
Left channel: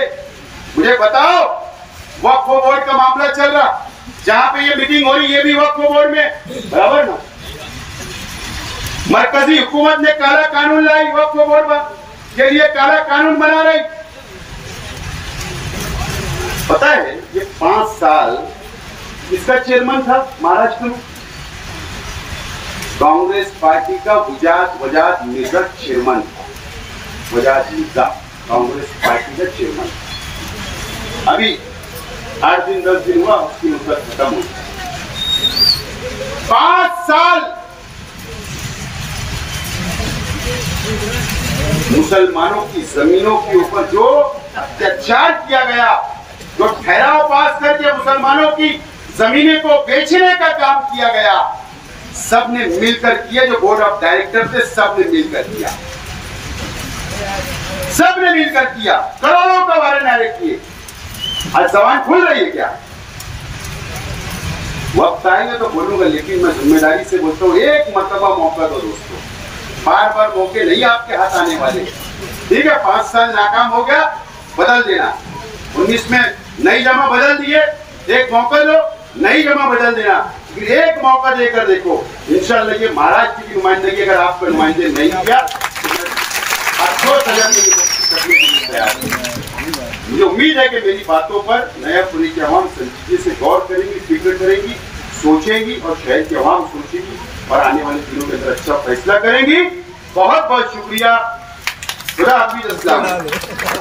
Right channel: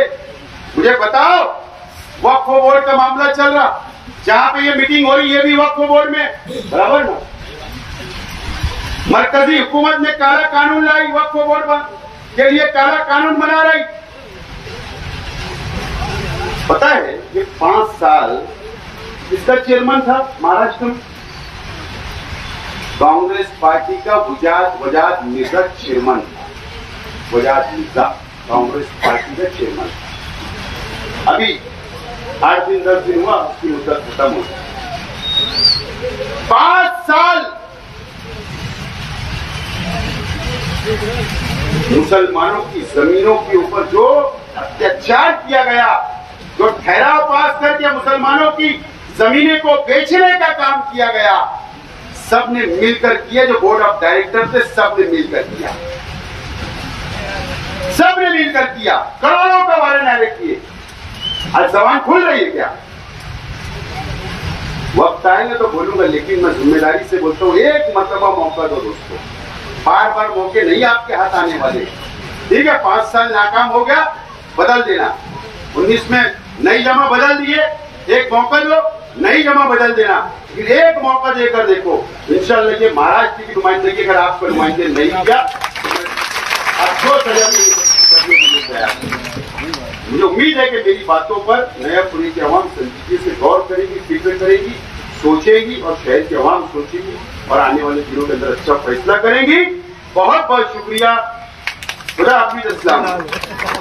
मुझे बताओ, वक्फ बोर्ड का मामला चल रहा, जहां पे ये मीटिंग हो रही, ये भी वक्फ बोर्ड में, बराबर ना? मरकजी हुकूमत ने काला कानून लाई, वक्फ बोर्ड के लिए काला कानून बना रही। पता है ये 5 साल इसका चेयरमैन था महाराष्ट्र में, कांग्रेस पार्टी का वजाद मिर्जा चेयरमैन था। वजाद मिर्जा कांग्रेस पार्टी का चेयरमैन। अभी 8 दिन 10 दिन हुआ उसकी मुद्दत खत्म हुई। 5 साल मुसलमानों की जमीनों के ऊपर जो अत्याचार किया गया, जो ठहराव पास करके मुसलमानों की जमीनें को बेचने का काम किया गया, सबने मिलकर किया। जो बोर्ड ऑफ डायरेक्टर थे सबने मिलकर किया, सबने मिलकर किया, करोड़ों का वारे नारे किए। आज जबान खुल रही है क्या? वक्त आएगा तो बोलूंगा, लेकिन मैं जिम्मेदारी से बोलता हूं, एक मर्तबा मौका दो दोस्तों, बार बार मौके नहीं आपके हाथ आने वाले। ठीक है, 5 साल नाकाम हो गया, बदल देना। 19 में नई जमा बदल दिए, एक मौका दो, नई जमा बदल देना। फिर एक मौका देकर देखो, इंशाल्लाह ये महाराष्ट्र की नुमाइंदगी अगर आपको नुमाइंदे नहीं किया तो मैं अच्छों सजा करने के लिए तैयार हूं। मुझे उम्मीद है कि मेरी बातों पर नयापुरी की आवाम संजीदगी से गौर करेगी, फिक्र करेगी, सोचेगी और शहर की आवाम सोचेगी और आने वाले दिनों के अंदर अच्छा फैसला करेंगी। बहुत बहुत शुक्रिया। खुदा हाफिज़। अस्सलाम।